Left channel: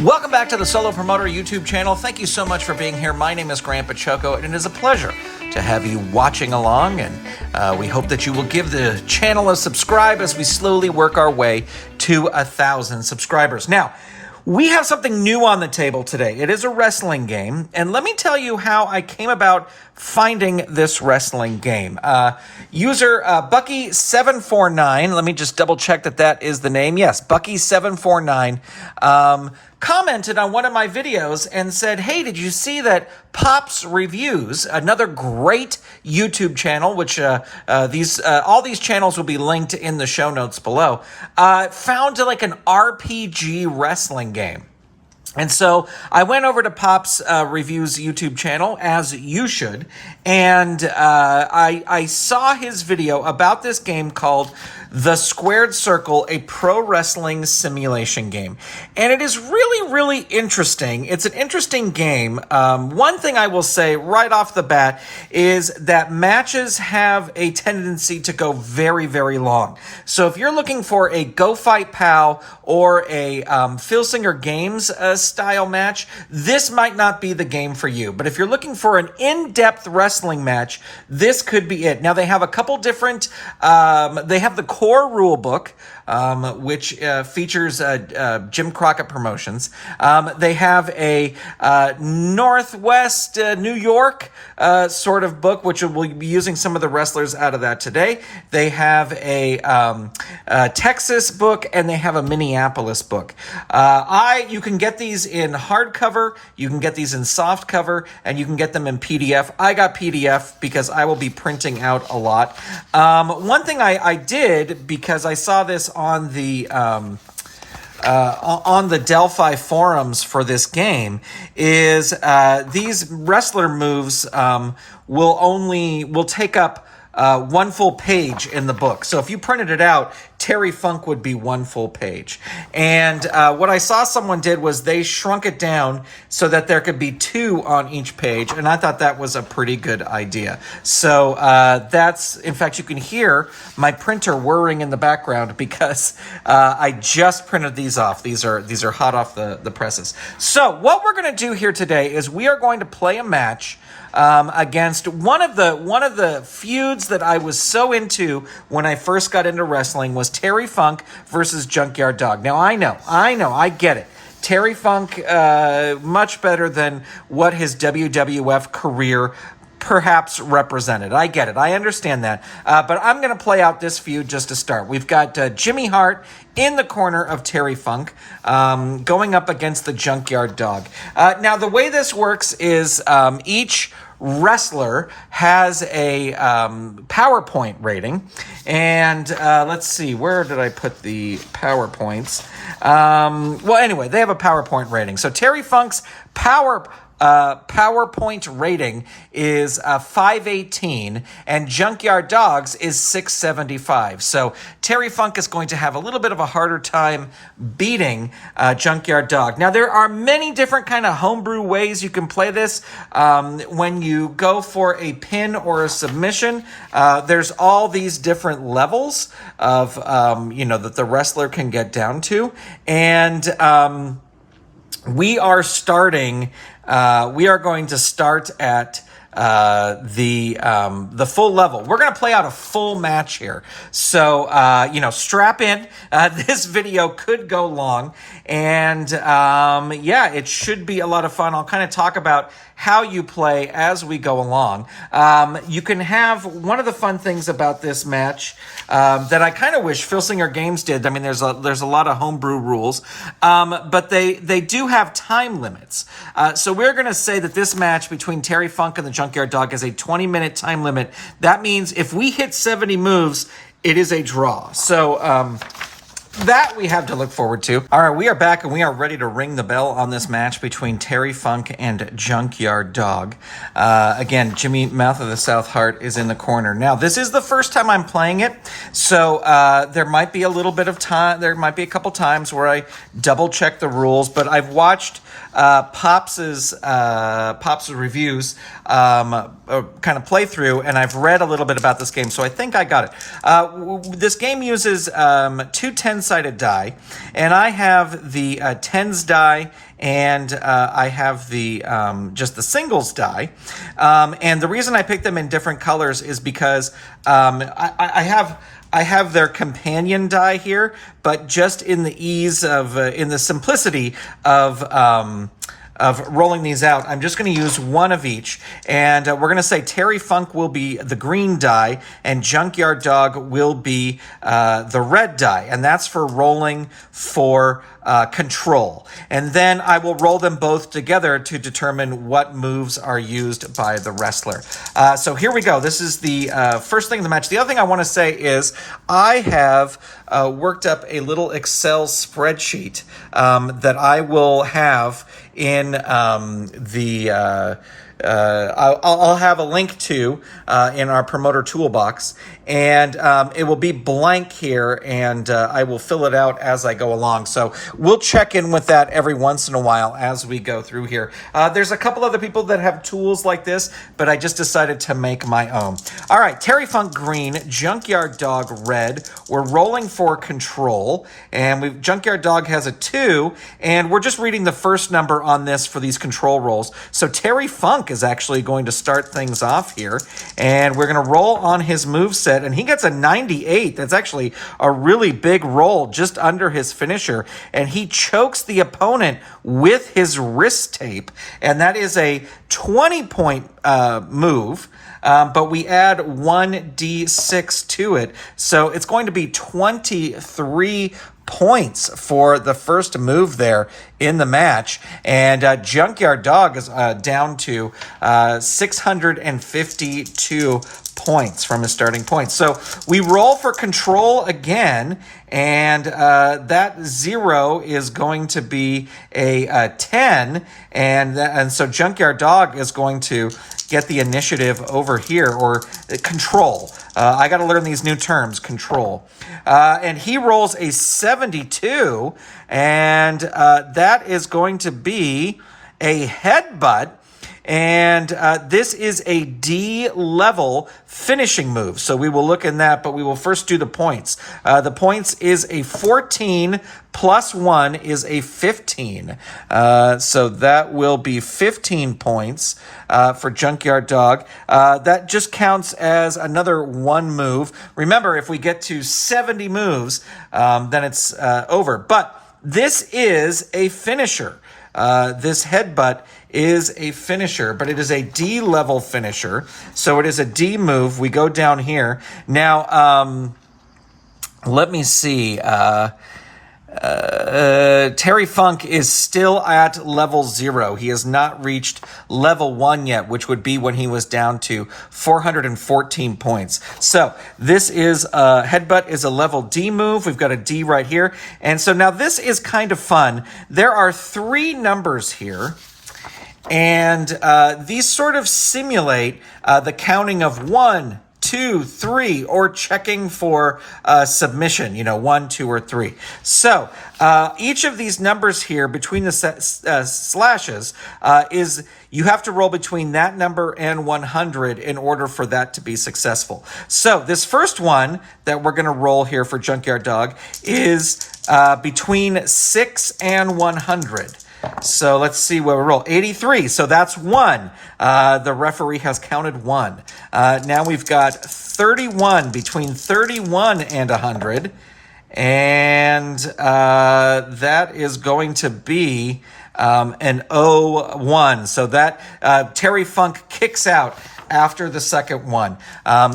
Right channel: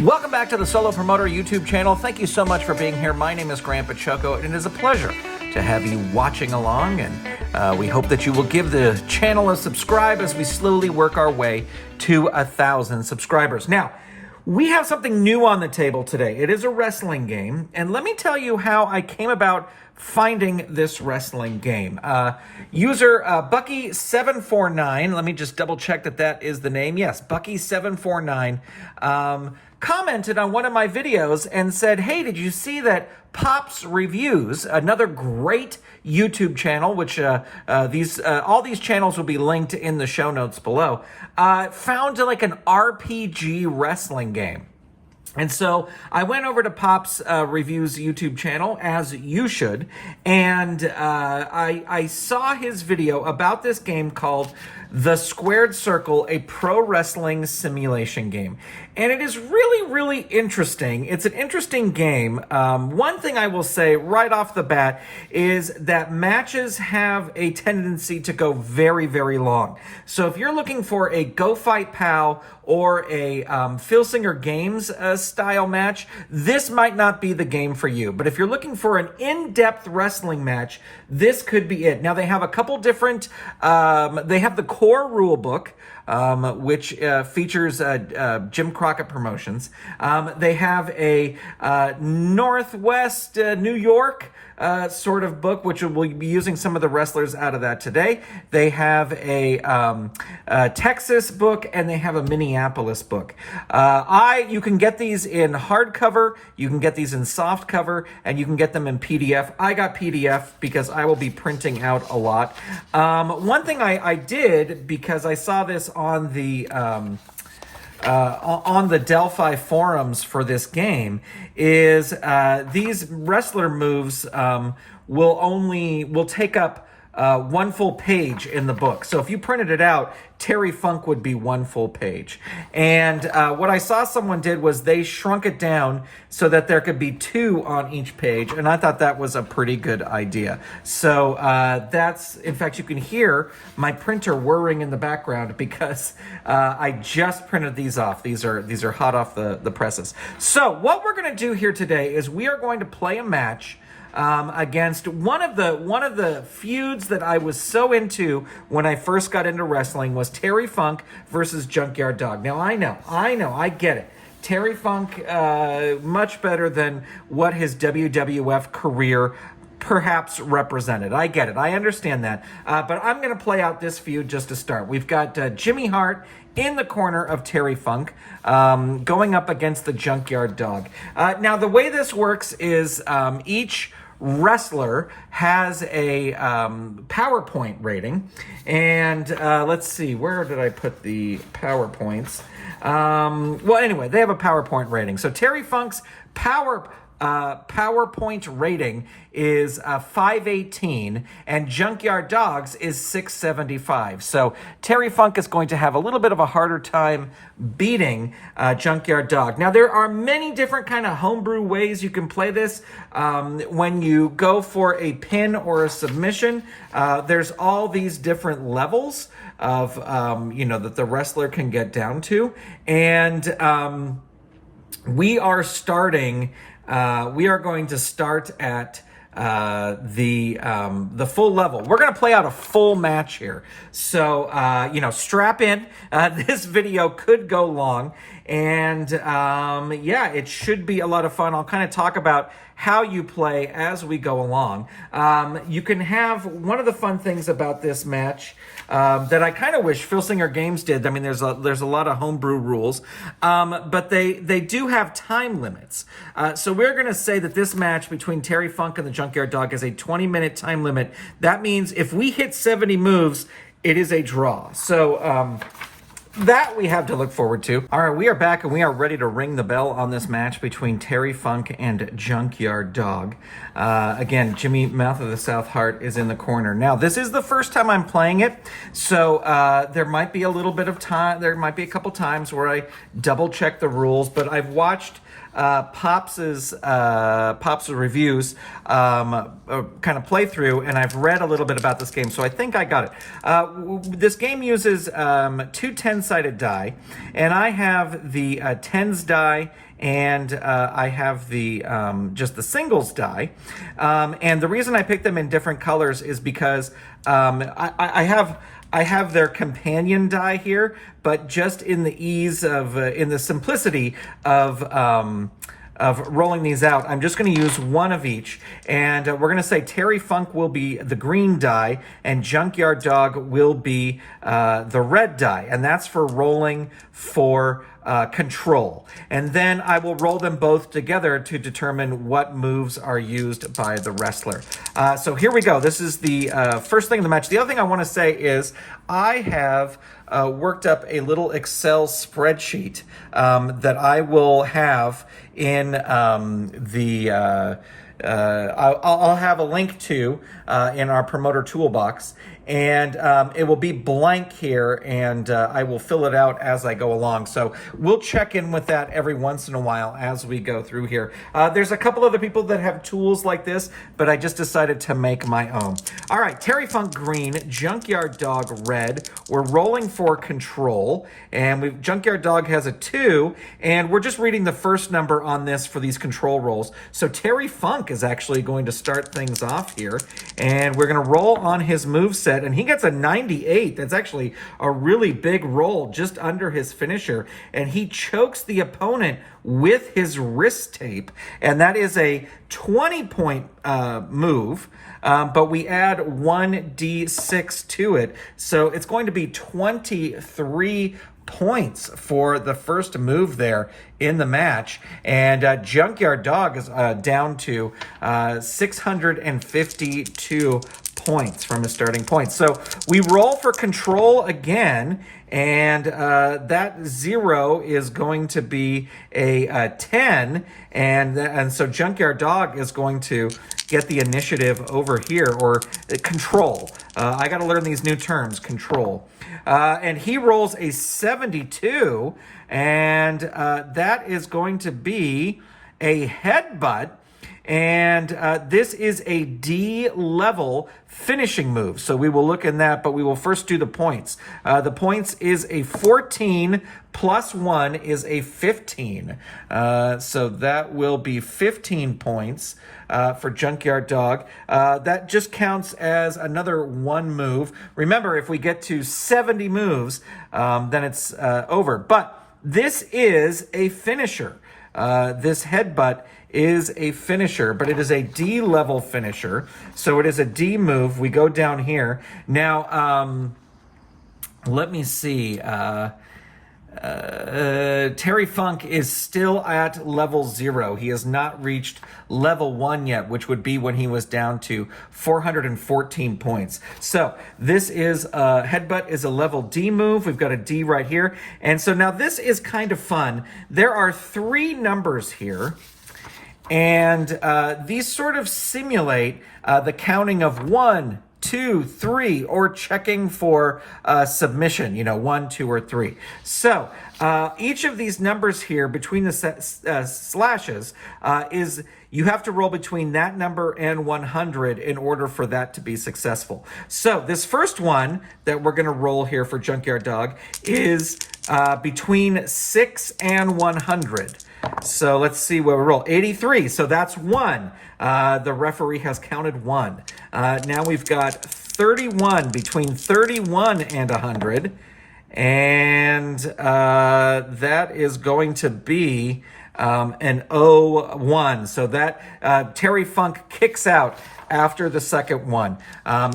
Welcome back to the Solo Promoter YouTube channel. Thank you so much for being here. My name is Grandpa Choco, and it is a pleasure to have you watching along, and we hope that you will give the channel a subscribe as we slowly work our way to 1,000 subscribers. Now, we have something new on the table today. It is a wrestling game, and let me tell you how I came about finding this wrestling game. User Bucky749, let me just double check that that is the name. Yes, Bucky749, commented on one of my videos and said, hey, did you see that Pops Reviews, another great YouTube channel, which all these channels will be linked in the show notes below, found like an RPG wrestling game. And so I went over to Pop's Reviews YouTube channel, as you should, and I saw his video about this game called The Squared Circle, a pro wrestling simulation game. And it is really, really interesting. It's an interesting game. One thing I will say right off the bat is that matches have a tendency to go very, very long. So if you're looking for a Go Fight Pal or a Phil Singer Games style match, this might not be the game for you. But if you're looking for an in-depth wrestling match, this could be it. Now, they have a couple different, they have the core rule book, which features Jim Crockett Promotions. They have a Northwest New York sort of book, which we'll be using some of the wrestlers out of that today. They have a Texas book, and they have a Minneapolis book. You can get these in hardcover, you can get these in soft cover, and you can get them in PDF. I got PDF because I will be printing out a lot. One thing I did, because I saw this on the Delphi forums for this game, is these wrestler moves will take up one full page in the book. So if you printed it out, Terry Funk would be one full page. And what I saw someone did was they shrunk it down so that there could be two on each page. And I thought that was a pretty good idea. So in fact, you can hear my printer whirring in the background because I just printed these off. These are hot off the presses. So what we're going to do here today is we are going to play a match against one of the feuds that I was so into when I first got into wrestling was Terry Funk versus Junkyard Dog. Now, I get it. Terry Funk, much better than what his WWF career perhaps represented. I get it. I understand that. But I'm going to play out this feud just to start. We've got Jimmy Hart in the corner of Terry Funk, going up against the Junkyard Dog. Now, the way this works is each wrestler has a PowerPoint rating. And let's see, where did I put the PowerPoints? Well, anyway, they have a PowerPoint rating. So Terry Funk's PowerPoint rating is 518, and Junkyard Dog's is 675. So Terry Funk is going to have a little bit of a harder time beating Junkyard Dog. Now, there are many different kind of homebrew ways you can play this. When you go for a pin or a submission, there's all these different levels of, that the wrestler can get down to. And we are going to start at the full level. We're going to play out a full match here. So, strap in. This video could go long. And, it should be a lot of fun. I'll kind of talk about how you play as we go along. You can have one of the fun things about this match that I kind of wish Phil Singer Games did. I mean, there's a lot of homebrew rules, but they do have time limits. So we're going to say that this match between Terry Funk and the Junkyard Dog is a 20-minute time limit. That means if we hit 70 moves, it is a draw. So that we have to look forward to. All right, we are back and we are ready to ring the bell on this match between Terry Funk and Junkyard Dog. Again, Jimmy Mouth of the South Hart is in the corner. Now, this is the first time I'm playing it, so there might be a little bit of time. There might be a couple times where I double check the rules, but I've watched Pop's reviews kind of playthrough, and I've read a little bit about this game, so I think I got it. This game uses 2 10 one-sided die, and I have the tens die, and I have the just the singles die. And the reason I picked them in different colors is because I have their companion die here, but just in the ease of, in the simplicity of rolling these out, I'm just going to use one of each. And we're going to say Terry Funk will be the green die, and Junkyard Dog will be the red die. And that's for rolling for control. And then I will roll them both together to determine what moves are used by the wrestler. So here we go. This is the first thing in the match. The other thing I want to say is I have worked up a little Excel spreadsheet that I will have in I'll have a link to in our promoter toolbox, and it will be blank here, and I will fill it out as I go along. So we'll check in with that every once in a while as we go through here. There's a couple other people that have tools like this, but I just decided to make my own. All right, Terry Funk green, Junkyard Dog red. We're rolling for control, and Junkyard Dog has a 2, and we're just reading the first number on this for these control rolls. So Terry Funk is actually going to start things off here, and we're going to roll on his moveset, and he gets a 98. That's actually a really big roll just under his finisher, and he chokes the opponent with his wrist tape, and that is a 20-point move, but we add 1d6 to it, so it's going to be 23 points for the first move there in the match, and Junkyard Dog is down to 652 points from his starting point. So we roll for control again, and that 0 is going to be a 10, and so Junkyard Dog is going to get the initiative over here, or control. I got to learn these new terms, control. And he rolls a 72, and that is going to be a headbutt. And this is a D-level finishing move. So we will look in that, but we will first do the points. The points is a 14 plus 1 is a 15. So that will be 15 points for Junkyard Dog. That just counts as another 1 move. Remember, if we get to 70 moves, then it's over. But this is a finisher. This headbutt is a finisher, but it is a D-level finisher, so it is a D move. We go down here. Now, let me see. Terry Funk is still at level 0. He has not reached level 1 yet, which would be when he was down to 414 points. So this is headbutt is a level D move. We've got a D right here. And so now this is kind of fun. There are 3 numbers here, and these sort of simulate the counting of 1, 2, 3, or checking for submission, 1, 2, or 3. So each of these numbers here between the slashes is you have to roll between that number and 100 in order for that to be successful. So this first one that we're going to roll here for Junkyard Dog is between 6 and 100. So let's see where we roll. 83. So that's 1. The referee has counted 1. Now we've got 31, between 31 and 100. And that is going to be an 0-1. So that Terry Funk kicks out after the second one.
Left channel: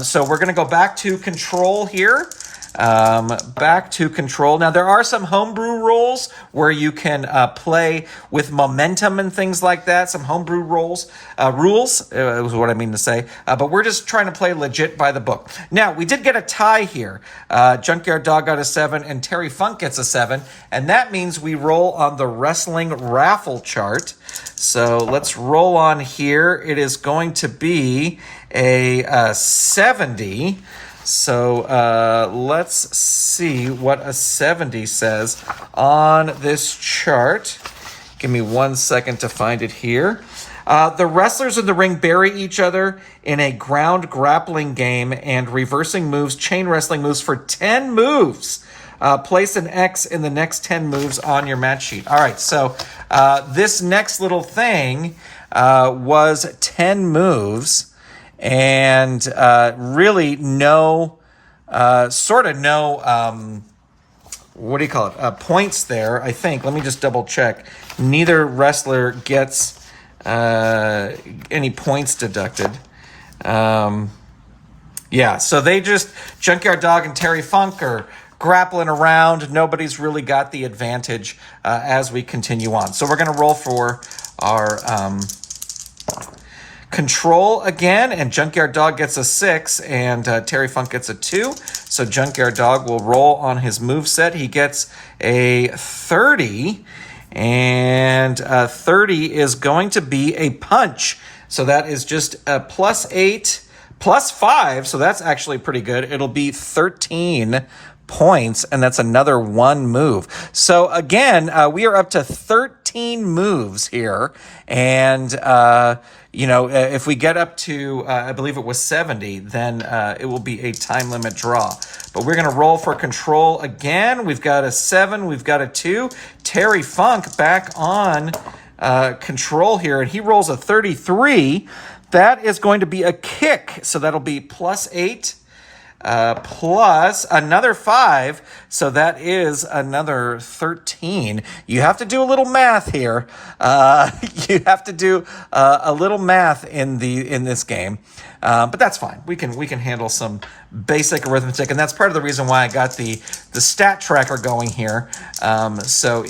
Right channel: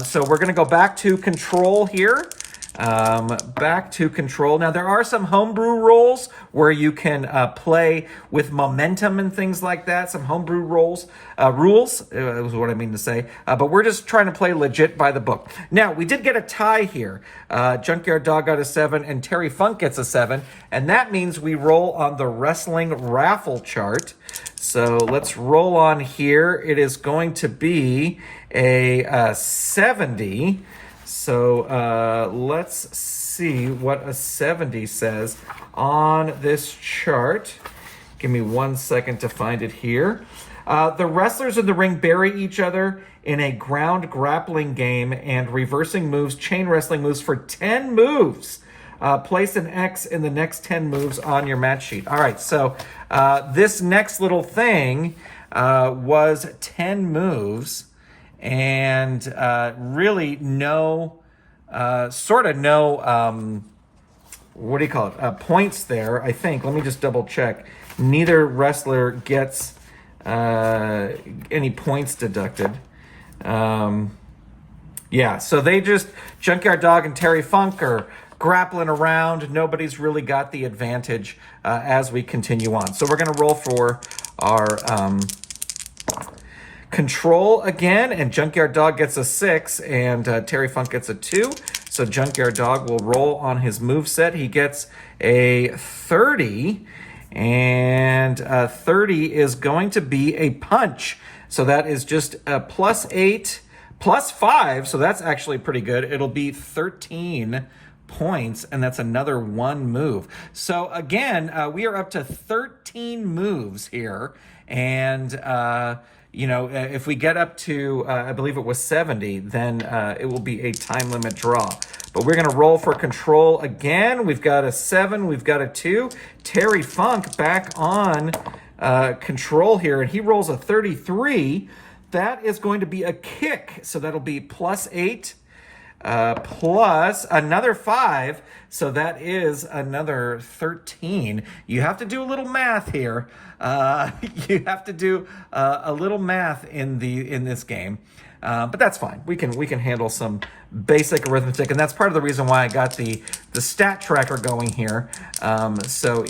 So we're going to go back to control here. Back to control. Now, there are some homebrew rules where you can play with momentum and things like that. Some homebrew rules is what I mean to say. But we're just trying to play legit by the book. Now, we did get a tie here. Junkyard Dog got a 7 and Terry Funk gets a 7. And that means we roll on the wrestling raffle chart. So let's roll on here. It is going to be a 70. So let's see what a 70 says on this chart. Give me 1 second to find it here. The wrestlers in the ring bury each other in a ground grappling game and reversing moves, chain wrestling moves for 10 moves. place an X in the next 10 moves on your match sheet. All right, so this next little thing was 10 moves, and really no, what do you call it? Points there, I think. Let me just double check. Neither wrestler gets any points deducted. Yeah, so they just, Junkyard Dog and Terry Funk are grappling around. Nobody's really got the advantage as we continue on. So we're going to roll for our control again, and Junkyard Dog gets a 6, and Terry Funk gets a 2. So Junkyard Dog will roll on his moveset. He gets a 30, and 30 is going to be a punch. So that is just a +8, +5, so that's actually pretty good. It'll be 13 points, and that's another 1 move. So again, we are up to 13 moves here, and if we get up to, I believe it was 70, then it will be a time limit draw. But we're going to roll for control again. We've got a 7, we've got a 2. Terry Funk back on control here, and he rolls a 33. That is going to be a kick, so that'll be +8. Plus another 5, so that is another 13. You have to do a little math here. You have to do a little math in this game, but that's fine. We can handle some basic arithmetic, and that's part of the reason why I got the stat tracker going here. So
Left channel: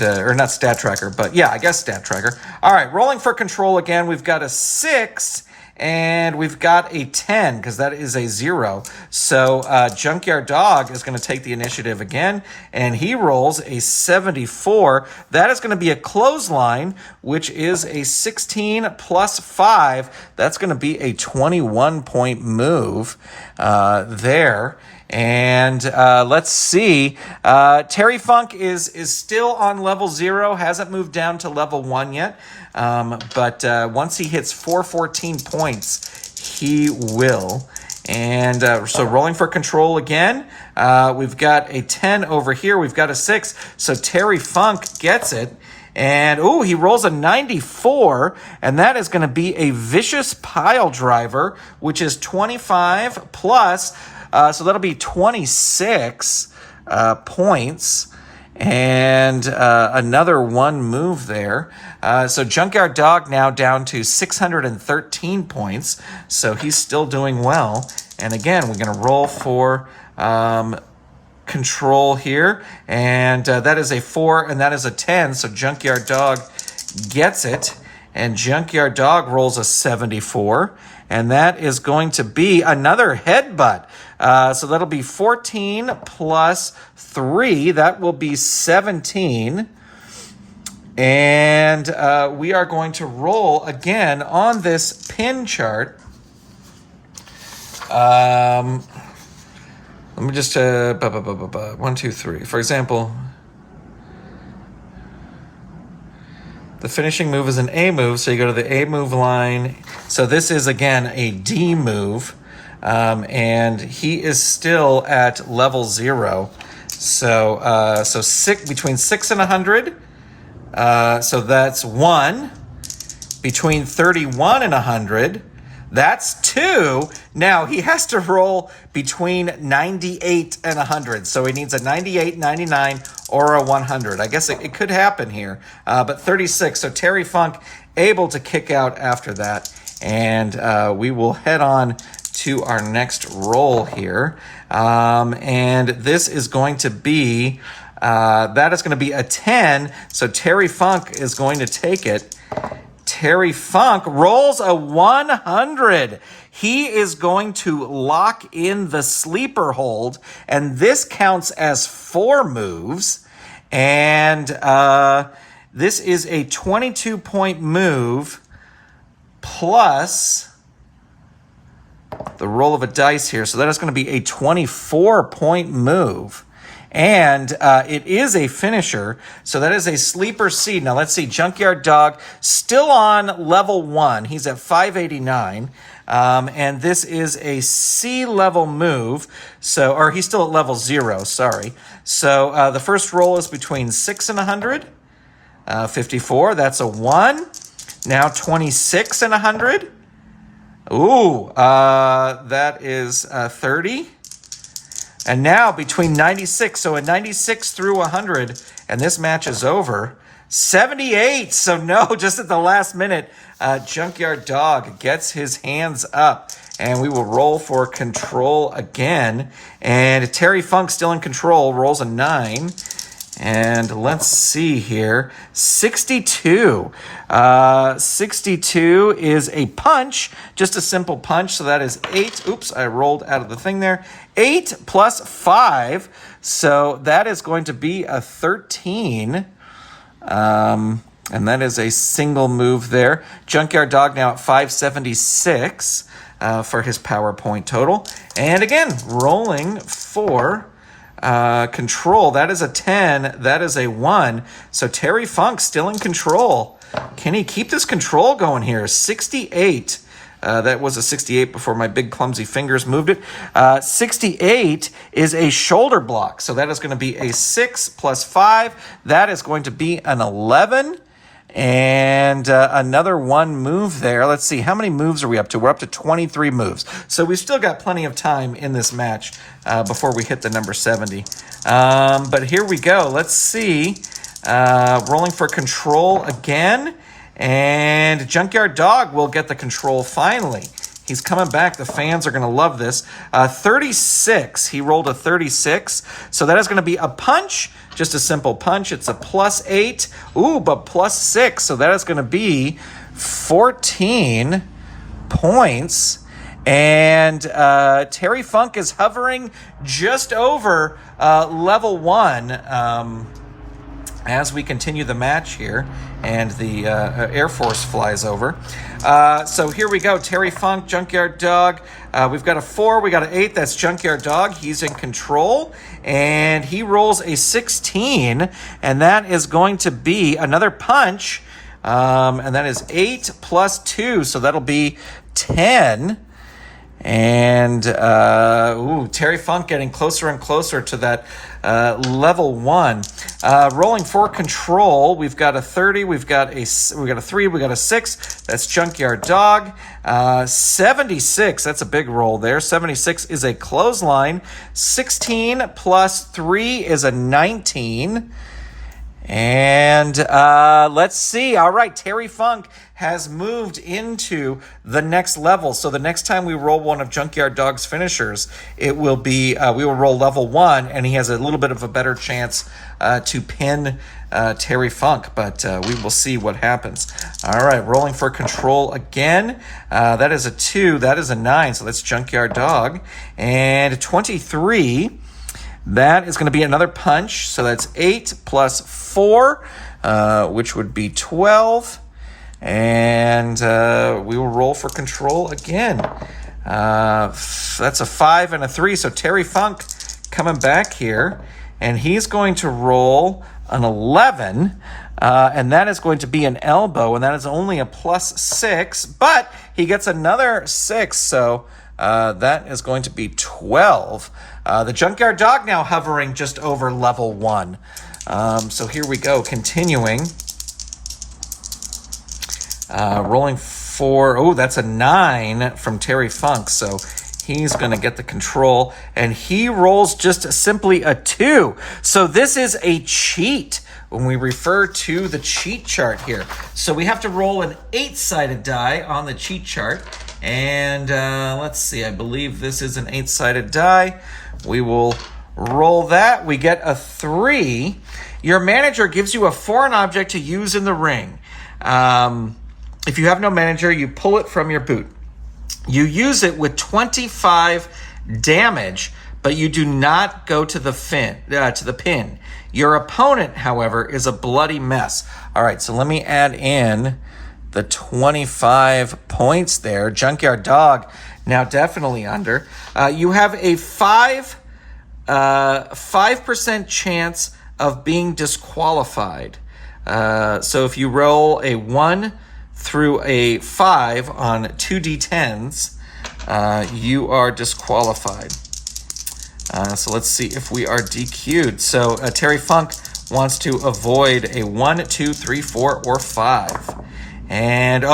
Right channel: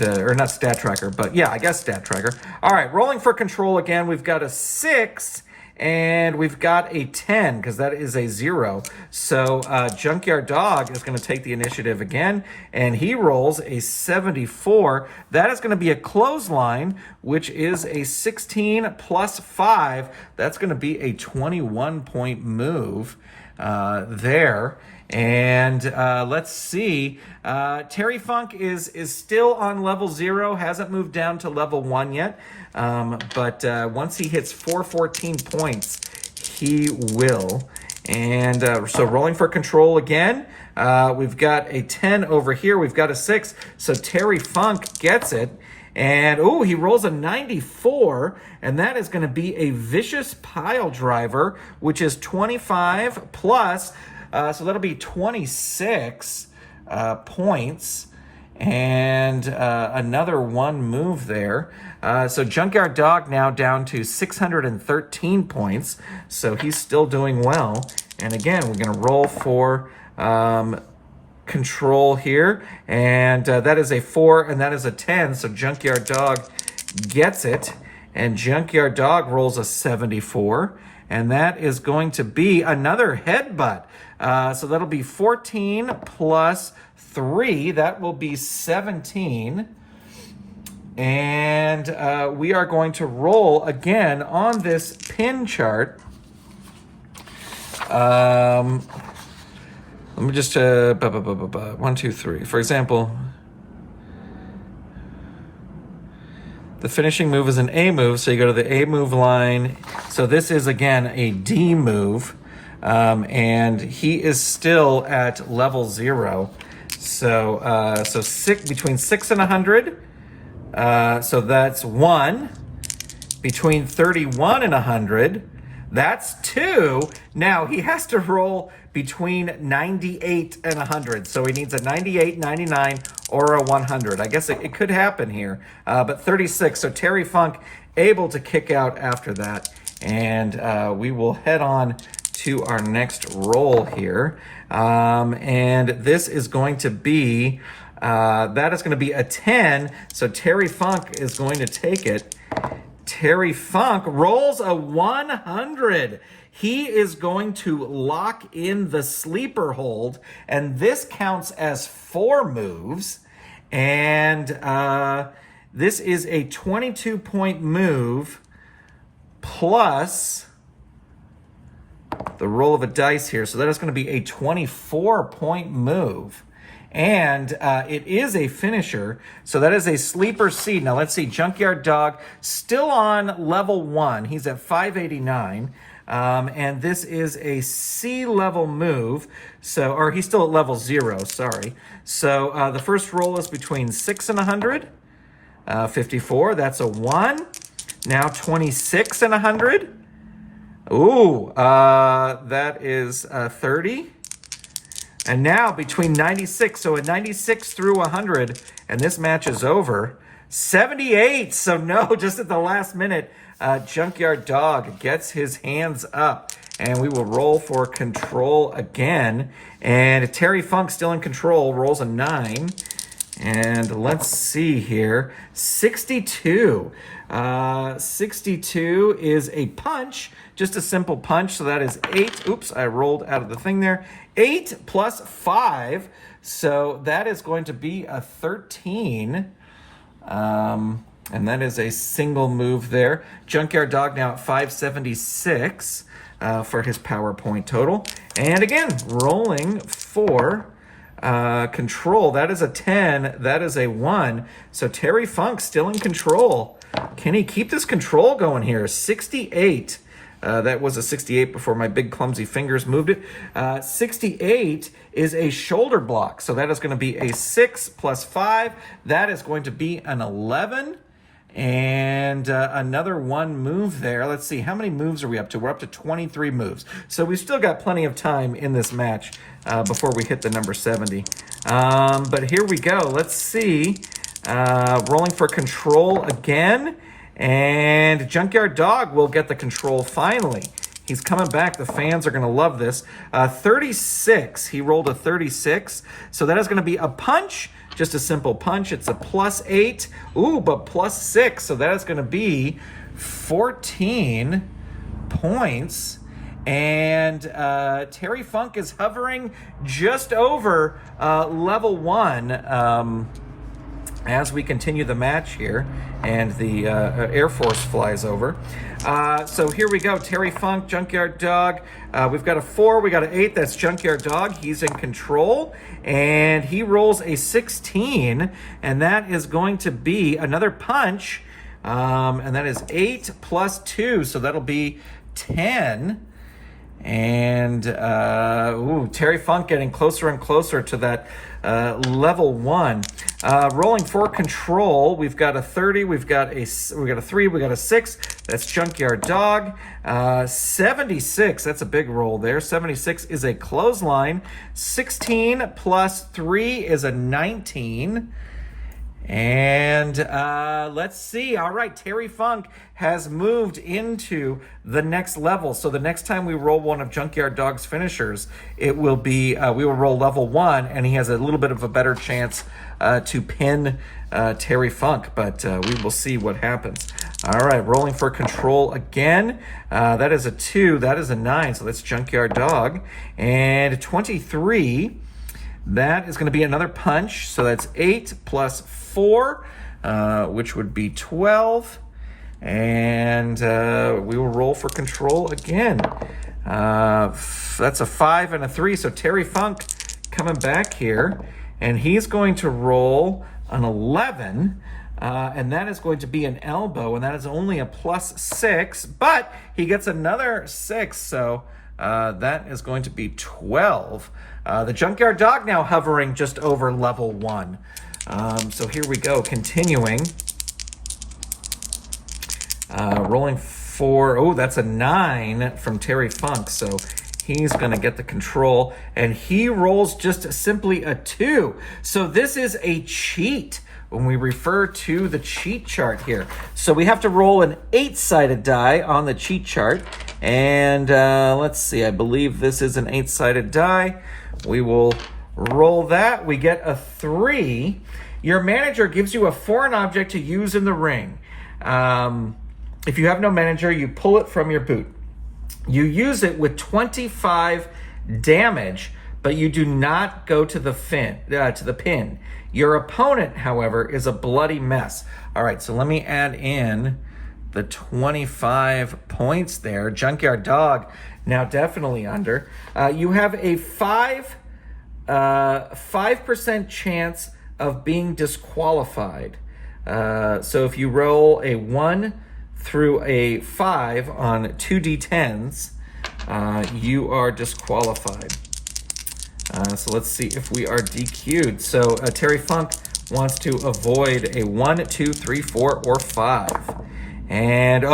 or not stat tracker, but yeah, I guess stat tracker. All right, rolling for control again. We've got a 6. And we've got a 10, because that is a 0. So Junkyard Dog is going to take the initiative again, and he rolls a 74. That is going to be a clothesline, which is a 16 plus 5. That's going to be a 21-point move there. And let's see. Terry Funk is still on level 0, hasn't moved down to level 1 yet. But once he hits 414 points, he will. And so rolling for control again. We've got a 10 over here. We've got a 6. So Terry Funk gets it. And, he rolls a 94, and that is going to be a vicious pile driver, which is 25 plus... so that'll be 26 points, and another 1 move there. So Junkyard Dog now down to 613 points, so he's still doing well. And again, we're going to roll for control here, and that is a 4, and that is a 10, so Junkyard Dog gets it, and Junkyard Dog rolls a 74, and that is going to be another headbutt. So that'll be 14 plus 3. That will be 17. And we are going to roll again on this pin chart. Let me just... 1, 2, 3. For example... The finishing move is an A move, so you go to the A move line. So this is, again, a D move, and he is still at level 0. So between 6 and 100, so that's 1. Between 31 and 100, that's 2. Now, he has to roll between 98 and 100. So he needs a 98, 99, or a 100. I guess it could happen here. But 36. So Terry Funk able to kick out after that. And we will head on to our next roll here. And this is going to be, that is going to be a 10. So Terry Funk is going to take it. Terry Funk rolls a 100. He is going to lock in the sleeper hold, and this counts as 4 moves. And this is a 22-point move plus the roll of a dice here. So that is going to be a 24-point move. And it is a finisher, so that is a sleeper seed. Now let's see, Junkyard Dog still on level 1. He's at 589. And this is a C level move. So, or he's still at level 0, sorry. So the first roll is between 6 and 100. 54, that's a 1. Now 26 and 100. Ooh, that is 30. And now between 96, so a 96 through 100, and this match is over. 78, so no, just at the last minute, Junkyard Dog gets his hands up. And we will roll for control again. And Terry Funk still in control, rolls a 9. And let's see here, 62. 62 is a punch, just a simple punch. So that is 8. Oops, I rolled out of the thing there. 8 plus 5. So that is going to be a 13. And that is a single move there. Junkyard Dog now at 576 for his power point total. And again, rolling for control. That is a 10. That is a 1. So Terry Funk still in control. Can he keep this control going here? 68. That was a 68 before my big clumsy fingers moved it. 68 is a shoulder block. So that is going to be a 6 plus 5. That is going to be an 11. And another 1 move there. Let's see, how many moves are we up to? We're up to 23 moves. So we've still got plenty of time in this match before we hit the number 70. But here we go. Let's see. Rolling for control again. And Junkyard Dog will get the control finally. He's coming back. The fans are going to love this. 36. He rolled a 36. So that is going to be a punch. Just a simple punch. It's a plus 8. Ooh, but plus 6. So that is going to be 14 points. And Terry Funk is hovering just over level 1 as we continue the match here. And the Air Force flies over. So here we go. Terry Funk, Junkyard Dog. We've got a 4. We got an 8. That's Junkyard Dog. He's in control. And he rolls a 16. And that is going to be another punch. And that is 8 plus 2. So that'll be 10. And Terry Funk getting closer and closer to that level 1. Rolling for control, we've got a 30, we got a 3, we got a 6. That's Junkyard Dog. 76, that's a big roll there. 76 is a clothesline. 16 plus 3 is a 19. And let's see. All right, Terry Funk has moved into the next level. So the next time we roll one of Junkyard Dog's finishers, it will be we will roll level 1, and he has a little bit of a better chance to pin Terry Funk. But we will see what happens. All right, rolling for control again. That is a 2. That is a 9. So that's Junkyard Dog. And 23. That is going to be another punch. So that's 8 plus 4, which would be 12. And we will roll for control again. That's a 5 and a 3. So Terry Funk coming back here. And he's going to roll an 11. And that is going to be an elbow. And that is only a plus 6. But he gets another 6. So that is going to be 12. The Junkyard Dog now hovering just over level 1. So here we go, continuing. Rolling for, that's a 9 from Terry Funk. So he's going to get the control. And he rolls just simply a 2. So this is a cheat when we refer to the cheat chart here. So we have to roll an 8-sided die on the cheat chart. And let's see, I believe this is an 8-sided die. We will roll that. We get a 3. Your manager gives you a foreign object to use in the ring. If you have no manager, you pull it from your boot. You use it with 25 damage, but you do not go to the pin. Your opponent, however, is a bloody mess. All right, so let me add in the 25 points there. Junkyard Dog now definitely under. You have a 5% chance of being disqualified. So if you roll a 1 through a 5 on 2d10s, you are disqualified. So let's see if we are DQ'd. So Terry Funk wants to avoid a 1, 2, 3, 4, or 5. And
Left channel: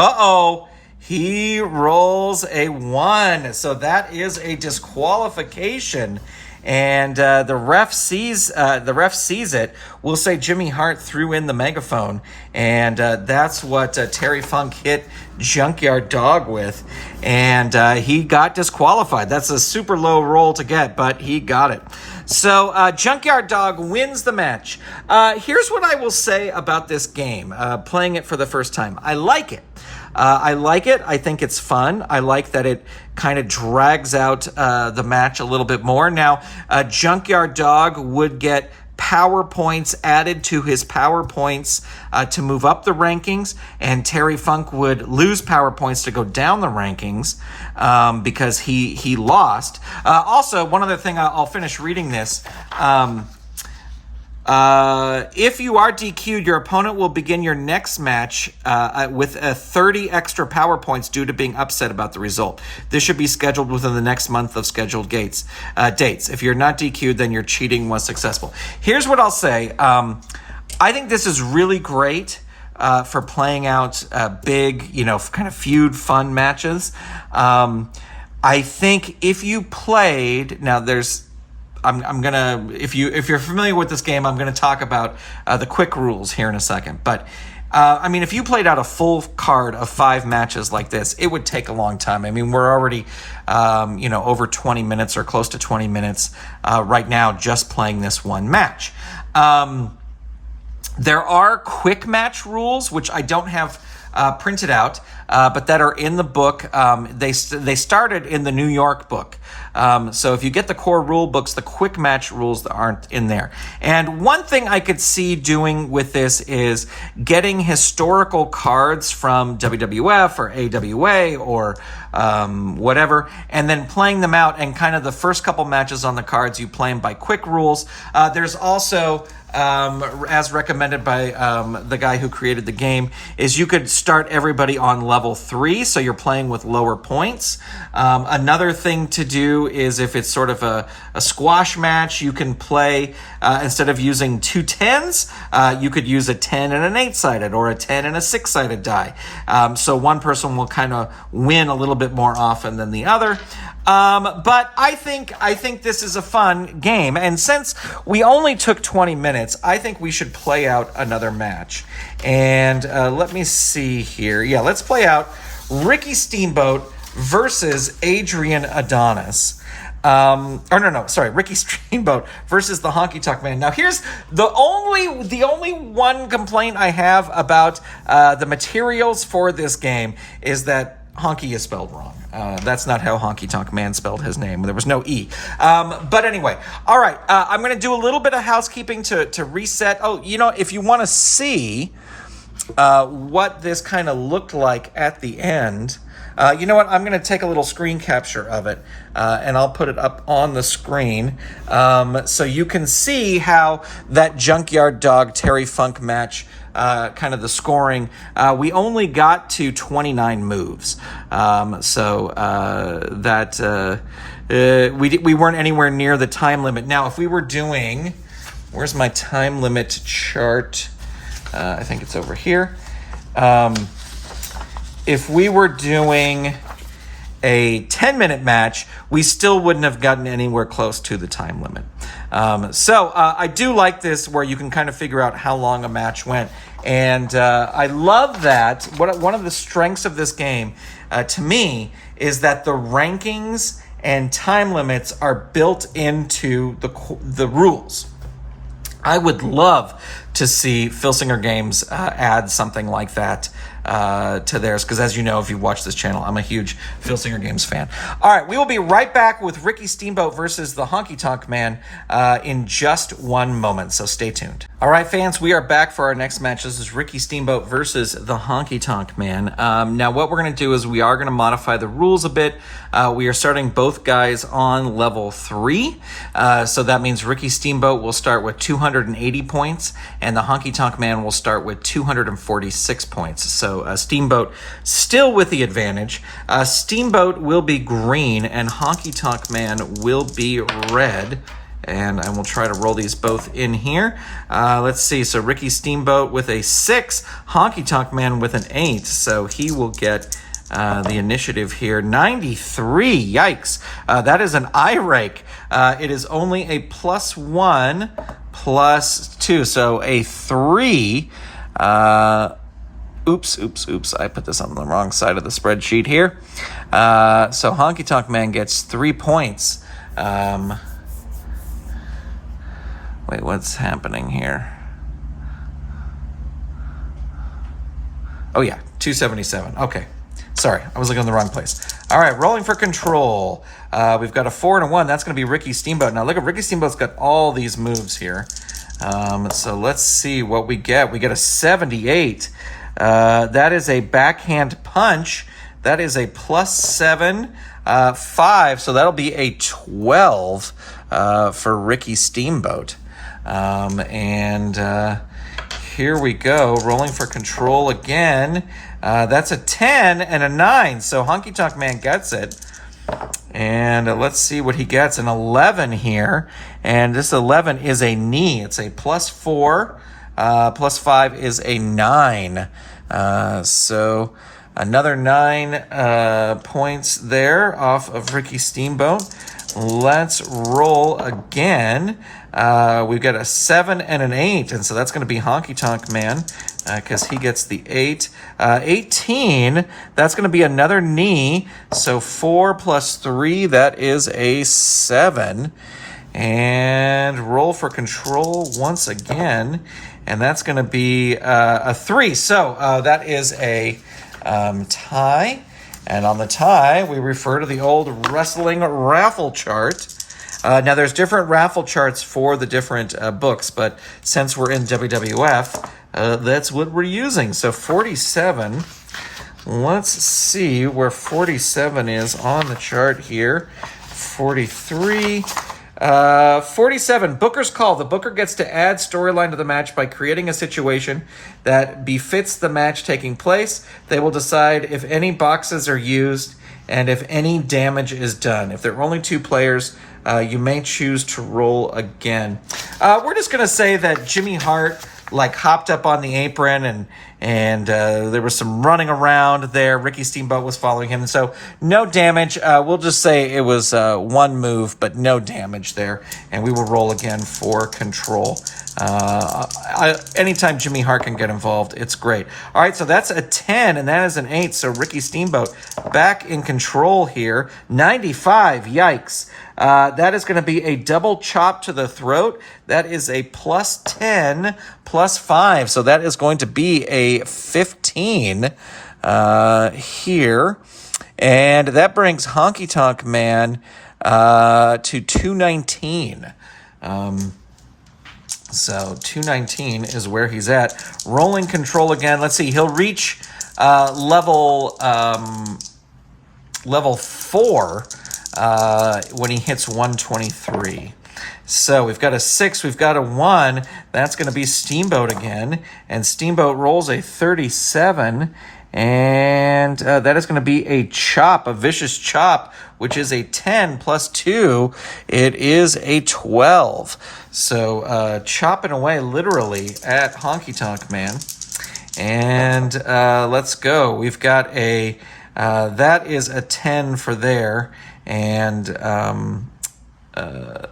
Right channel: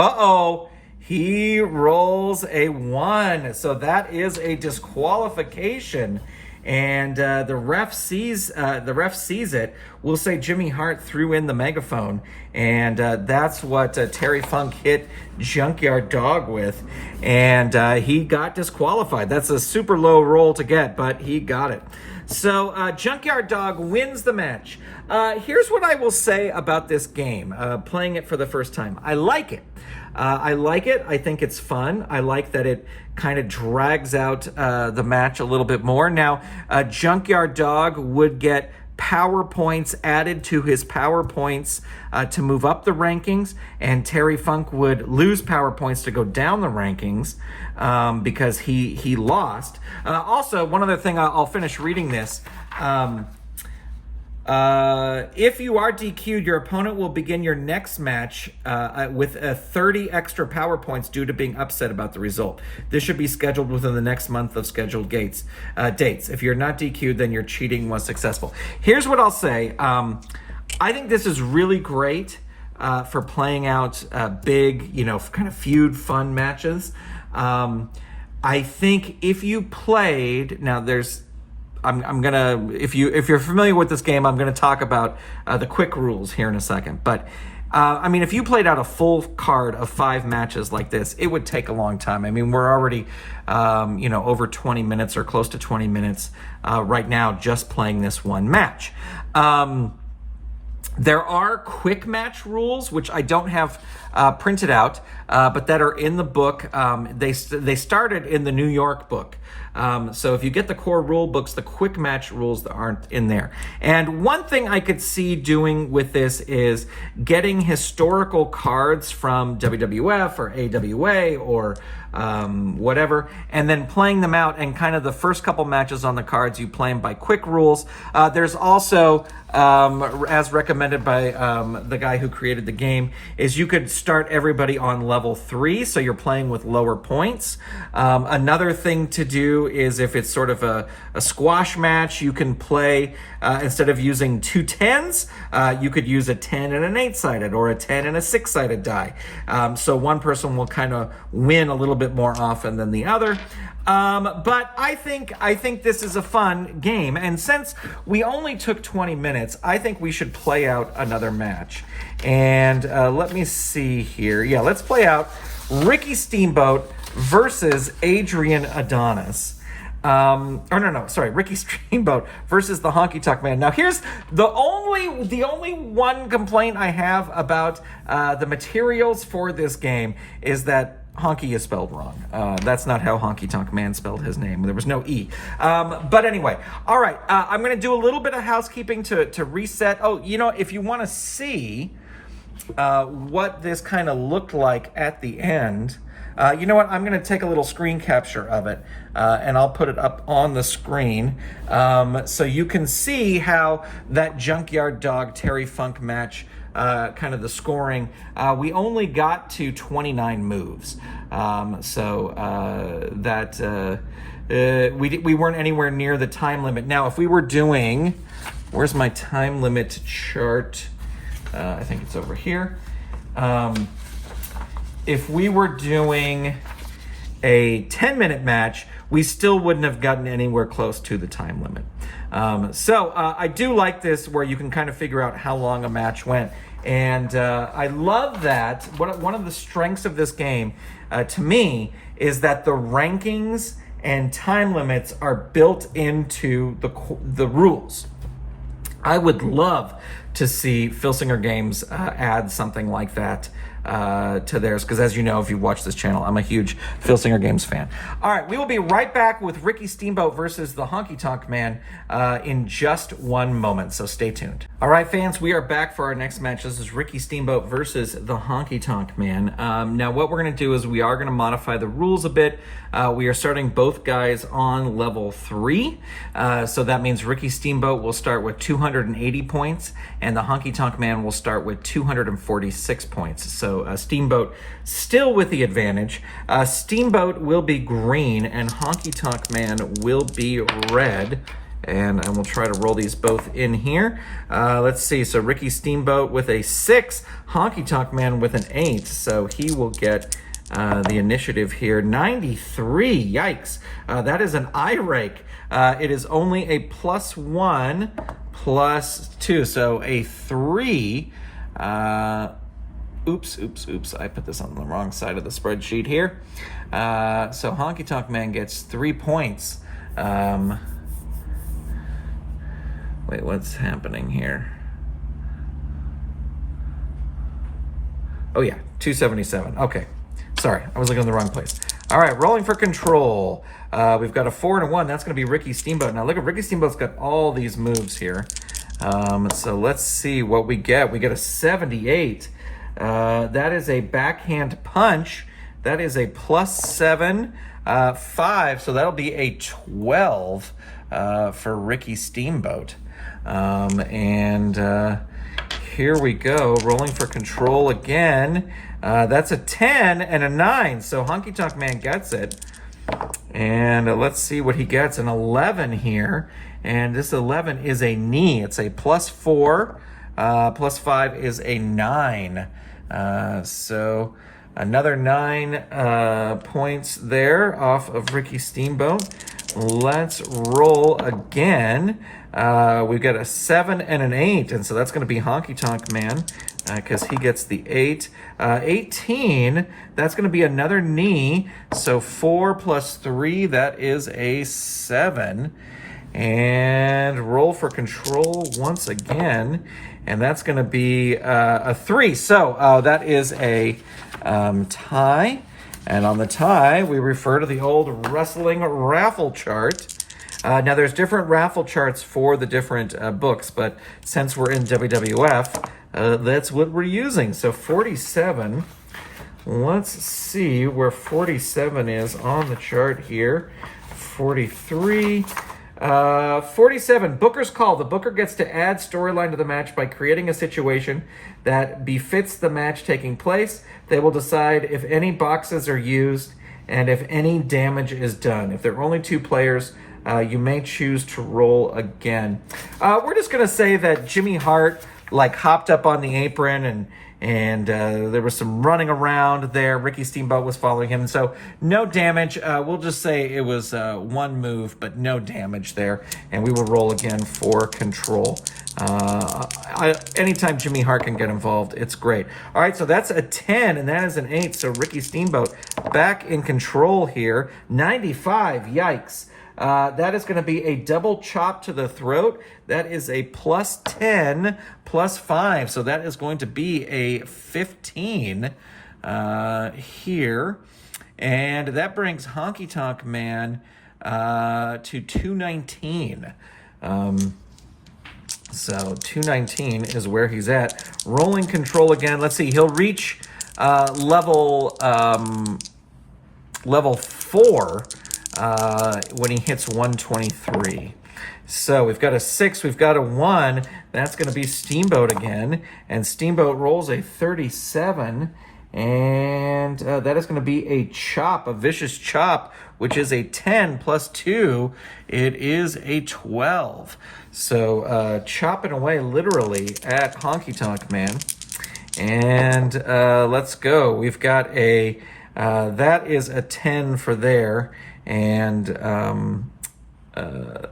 he rolls a 1. So that is a disqualification. And the ref sees it. We'll say Jimmy Hart threw in the megaphone, and that's what Terry Funk hit Junkyard Dog with, and he got disqualified. That's a super low roll to get, but he got it. So Junkyard Dog wins the match. Here's what I will say about this game, playing it for the first time. I like it. I think it's fun. I like that it kind of drags out the match a little bit more. Now, Junkyard Dog would get power points added to his power points to move up the rankings, and Terry Funk would lose power points to go down the rankings because he lost. Also, one other thing, I'll finish reading this. If you are DQ'd, your opponent will begin your next match with 30 extra power points due to being upset about the result. This should be scheduled within the next month of scheduled dates. If you're not DQ'd, then your cheating was successful. Here's what I'll say. I think this is really great for playing out big, kind of feud fun matches. I think if you played, now I'm gonna, if you're familiar with this game, I'm gonna talk about the quick rules here in a second. But if you played out a full card of 5 matches like this, it would take a long time. We're already over 20 minutes or close to 20 minutes right now just playing this one match. There are quick match rules, which I don't have printed out, but that are in the book. They started in the New York book. So if you get the core rule books, the quick match rules aren't in there. And one thing I could see doing with this is getting historical cards from WWF or AWA or whatever, and then playing them out, and kind of the first couple matches on the cards, you play them by quick rules. There's also, as recommended by the guy who created the game, is you could start everybody on level 3, so you're playing with lower points. Another thing to do is if it's sort of a squash match, you can play, instead of using 2 10s, you could use a 10 and an 8-sided, or a 10 and a 6-sided die. So one person will kind of win a little bit more often than the other. But I think this is a fun game, and since we only took 20 minutes, I think we should play out another match. And let me see here. Yeah, let's play out Ricky Steamboat versus Adrian Adonis. Ricky Steamboat versus the Honky Tonk Man. Now, here's the only one complaint I have about the materials for this game is that Honky is spelled wrong. That's not how Honky Tonk Man spelled his name. There was no E. But anyway, all right. I'm going to do a little bit of housekeeping to reset. Oh, if you want to see what this kind of looked like at the end, you know what? I'm going to take a little screen capture of it, and I'll put it up on the screen so you can see how that Junkyard Dog Terry Funk match, kind of the scoring, we only got to 29 moves. We weren't anywhere near the time limit. Now, if we were doing, where's my time limit chart? I think it's over here. If we were doing a 10-minute match, we still wouldn't have gotten anywhere close to the time limit. So I do like this where you can kind of figure out how long a match went. And I love that. One of the strengths of this game, to me, is that the rankings and time limits are built into the rules. I would love to see Filsinger Games add something like that to theirs, because as you know, if you watch this channel, I'm a huge Filsinger Games fan. All right, we will be right back with Ricky Steamboat versus the Honky Tonk Man in just one moment, so stay tuned. All right, fans, we are back for our next match. This is Ricky Steamboat versus the Honky Tonk Man. Now, what we're going to do is we are going to modify the rules a bit. We are starting both guys on level 3, so that means Ricky Steamboat will start with 280 points, and the Honky Tonk Man will start with 246 points. So Steamboat still with the advantage. Steamboat will be green, and Honky Tonk Man will be red. And I will try to roll these both in here. Let's see. So Ricky Steamboat with a 6, Honky Tonk Man with an 8. So he will get the initiative here. 93. Yikes. That is an eye rake. It is only a +1, +2. So a 3. Oops. I put this on the wrong side of the spreadsheet here. So Honky Tonk Man gets 3 points. Wait, what's happening here? Oh yeah, 277. Okay. Sorry, I was looking in the wrong place. All right, rolling for control. We've got a 4 and a 1. That's going to be Ricky Steamboat. Now look at Ricky Steamboat's got all these moves here. So let's see what we get. We get a 78. That is a backhand punch. That is a +7, 5. So that'll be a 12 for Ricky Steamboat. Here we go, rolling for control again. That's a 10 and a 9, so Honky Tonk Man gets it. And let's see what he gets, an 11 here. And this 11 is a knee. It's a +4, +5 is a 9. So another 9 points there off of Ricky Steamboat. Let's roll again. We've got a 7 and an 8, and so that's going to be Honky Tonk Man because he gets the 8. 18, that's going to be another knee, so 4 + 3, that is a 7. And roll for control once again, and that's going to be a 3. So that is a tie. And on the tie, we refer to the old wrestling raffle chart. Now, there's different raffle charts for the different books, but since we're in WWF, that's what we're using. So 47, let's see where 47 is on the chart here. 43, 47, Booker's Call. The Booker gets to add storyline to the match by creating a situation that befits the match taking place. They will decide if any boxes are used and if any damage is done. If there are only 2 players, you may choose to roll again. We're just going to say that Jimmy Hart hopped up on the apron and there was some running around there. Ricky Steamboat was following him. So no damage. We'll just say it was 1 move, but no damage there. And we will roll again for control. Anytime Jimmy Hart can get involved, it's great. All right, so that's a 10, and that is an 8. So Ricky Steamboat back in control here. 95, yikes. That is going to be a double chop to the throat. That is a +10, +5. So that is going to be a 15 here. And that brings Honky Tonk Man to 219. So 219 is where he's at. Rolling control again. Let's see. He'll reach level 4 when he hits 123. So we've got a 6, we've got a 1. That's going to be Steamboat again. And Steamboat rolls a 37. And that is going to be a chop, a vicious chop, which is a 10 + 2. It is a 12. So chopping away literally at Honky Tonk Man. And let's go. We've got a, that is a 10 for there. And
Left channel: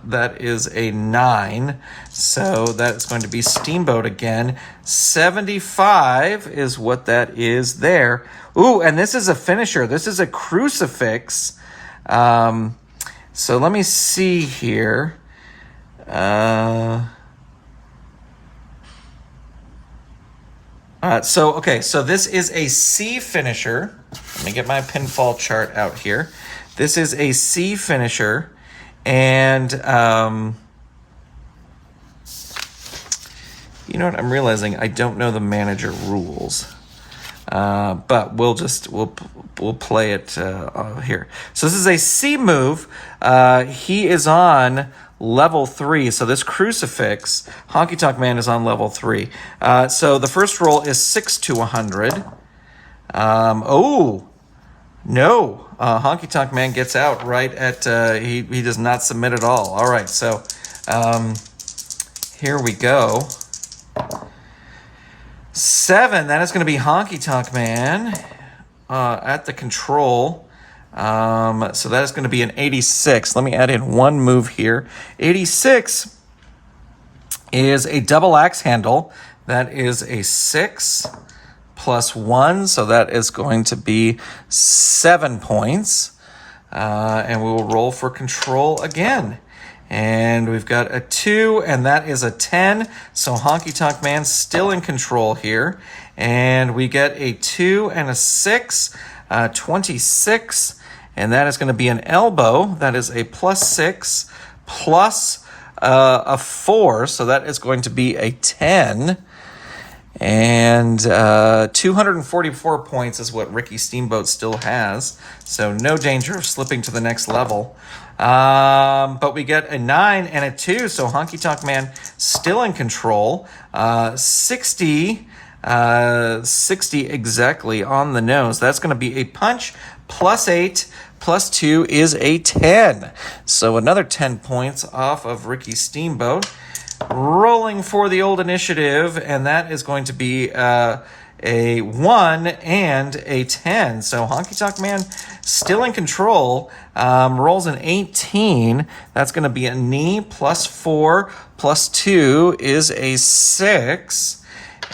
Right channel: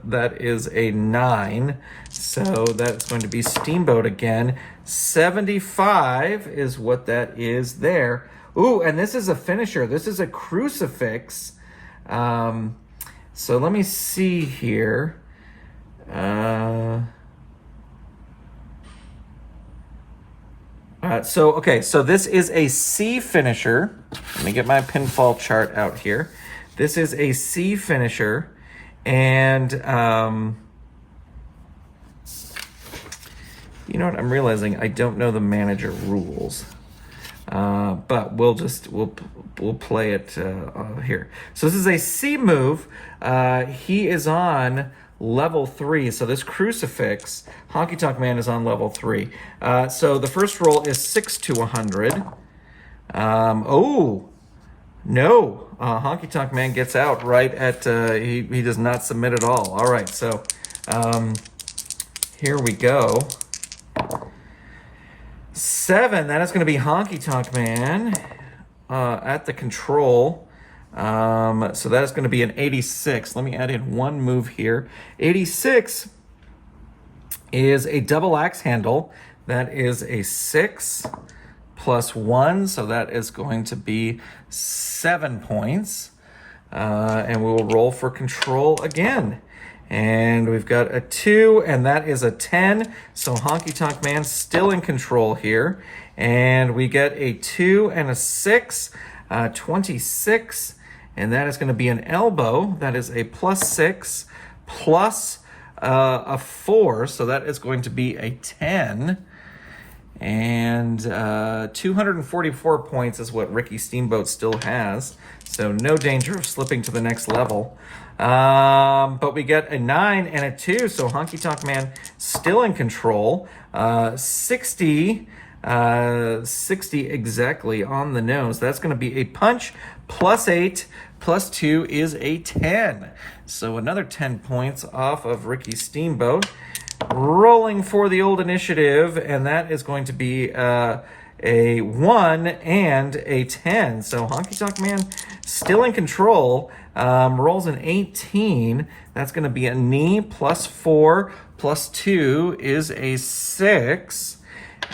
that is a 9. So that's going to be Steamboat again. 75 is what that is there. Ooh, and this is a finisher. This is a crucifix. So let me see here. So this is a C finisher. Let me get my pinfall chart out here. This is a C finisher. And you know what? I'm realizing I don't know the manager rules, but we'll play it here. So this is a C move. He is on level 3. So this crucifix, Honky Tonk Man, is on level 3. So the first roll is 6 to 100. Oh, no. Honky Tonk Man gets out right at, he does not submit at all. All right, so here we go. 7, that is going to be Honky Tonk Man at the control. So that is going to be an 86. Let me add in one move here. 86 is a double axe handle. That is a 6 plus 1, so that is going to be 7 points. And we will roll for control again. And we've got a 2, and that is a 10. So Honky Tonk Man still in control here. And we get a 2 and a 6, 26. And that is going to be an elbow. That is a plus 6 plus a 4. So that is going to be a 10. And 244 points is what Ricky Steamboat still has. So no danger of slipping to the next level. But we get a 9 and a 2. So Honky Tonk Man still in control. 60 exactly on the nose. That's going to be a punch. Plus 8 plus 2 is a 10. So another 10 points off of Ricky Steamboat. Rolling for the old initiative, and that is going to be a 1 and a 10. So Honky Tonk Man still in control. Rolls an 18. That's going to be a knee. Plus 4 plus 2 is a 6.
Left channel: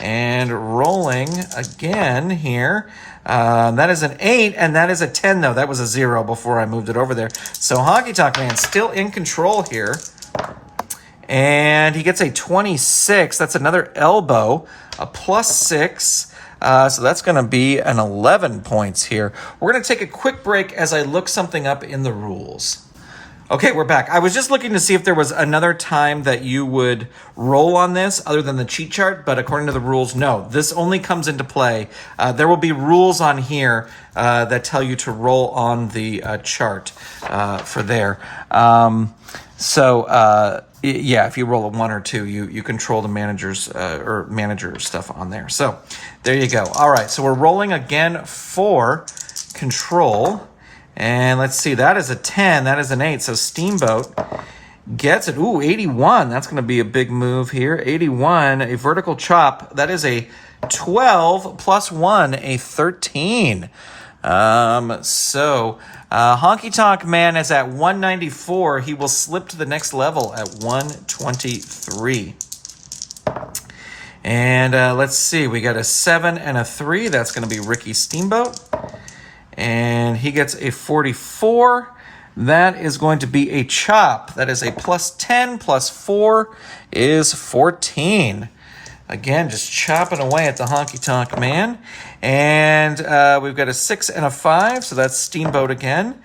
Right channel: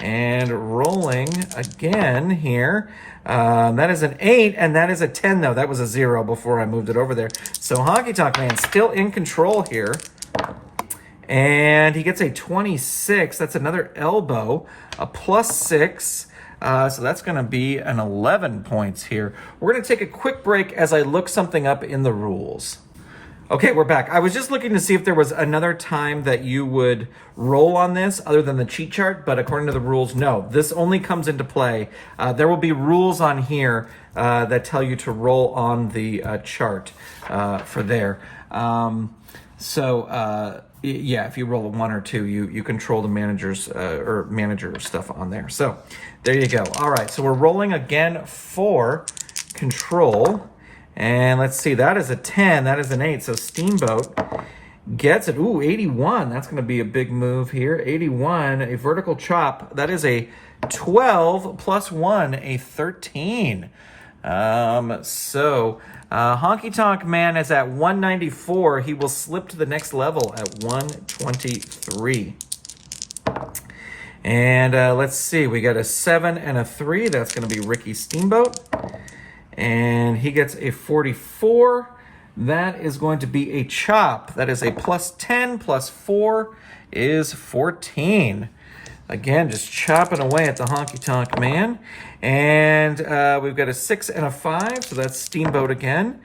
And rolling again here. That is an 8, and that is a 10, though. That was a 0 before I moved it over there. So Honky Tonk Man still in control here. And he gets a 26. That's another elbow. A plus 6. So that's going to be an 11 points here. We're going to take a quick break as I look something up in the rules. Okay, we're back. I was just looking to see if there was another time that you would roll on this other than the cheat chart, but according to the rules, no. This only comes into play. There will be rules on here that tell you to roll on the chart for there. Yeah, if you roll a 1 or 2, you control the manager's or manager stuff on there. So there you go. All right, so we're rolling again for control. And let's see, that is a 10, that is an 8. So Steamboat gets it. Ooh, 81. That's going to be a big move here. 81, a vertical chop. That is a 12 plus 1, a 13. Honky Tonk Man is at 194. He will slip to the next level at 123. And let's see, we got a 7 and a 3. That's going to be Ricky Steamboat. And he gets a 44. That is going to be a chop. That is a plus 10 plus 4 is 14. Again, just chopping away at the Honky Tonk Man. And we've got a 6 and a 5, so that's Steamboat again.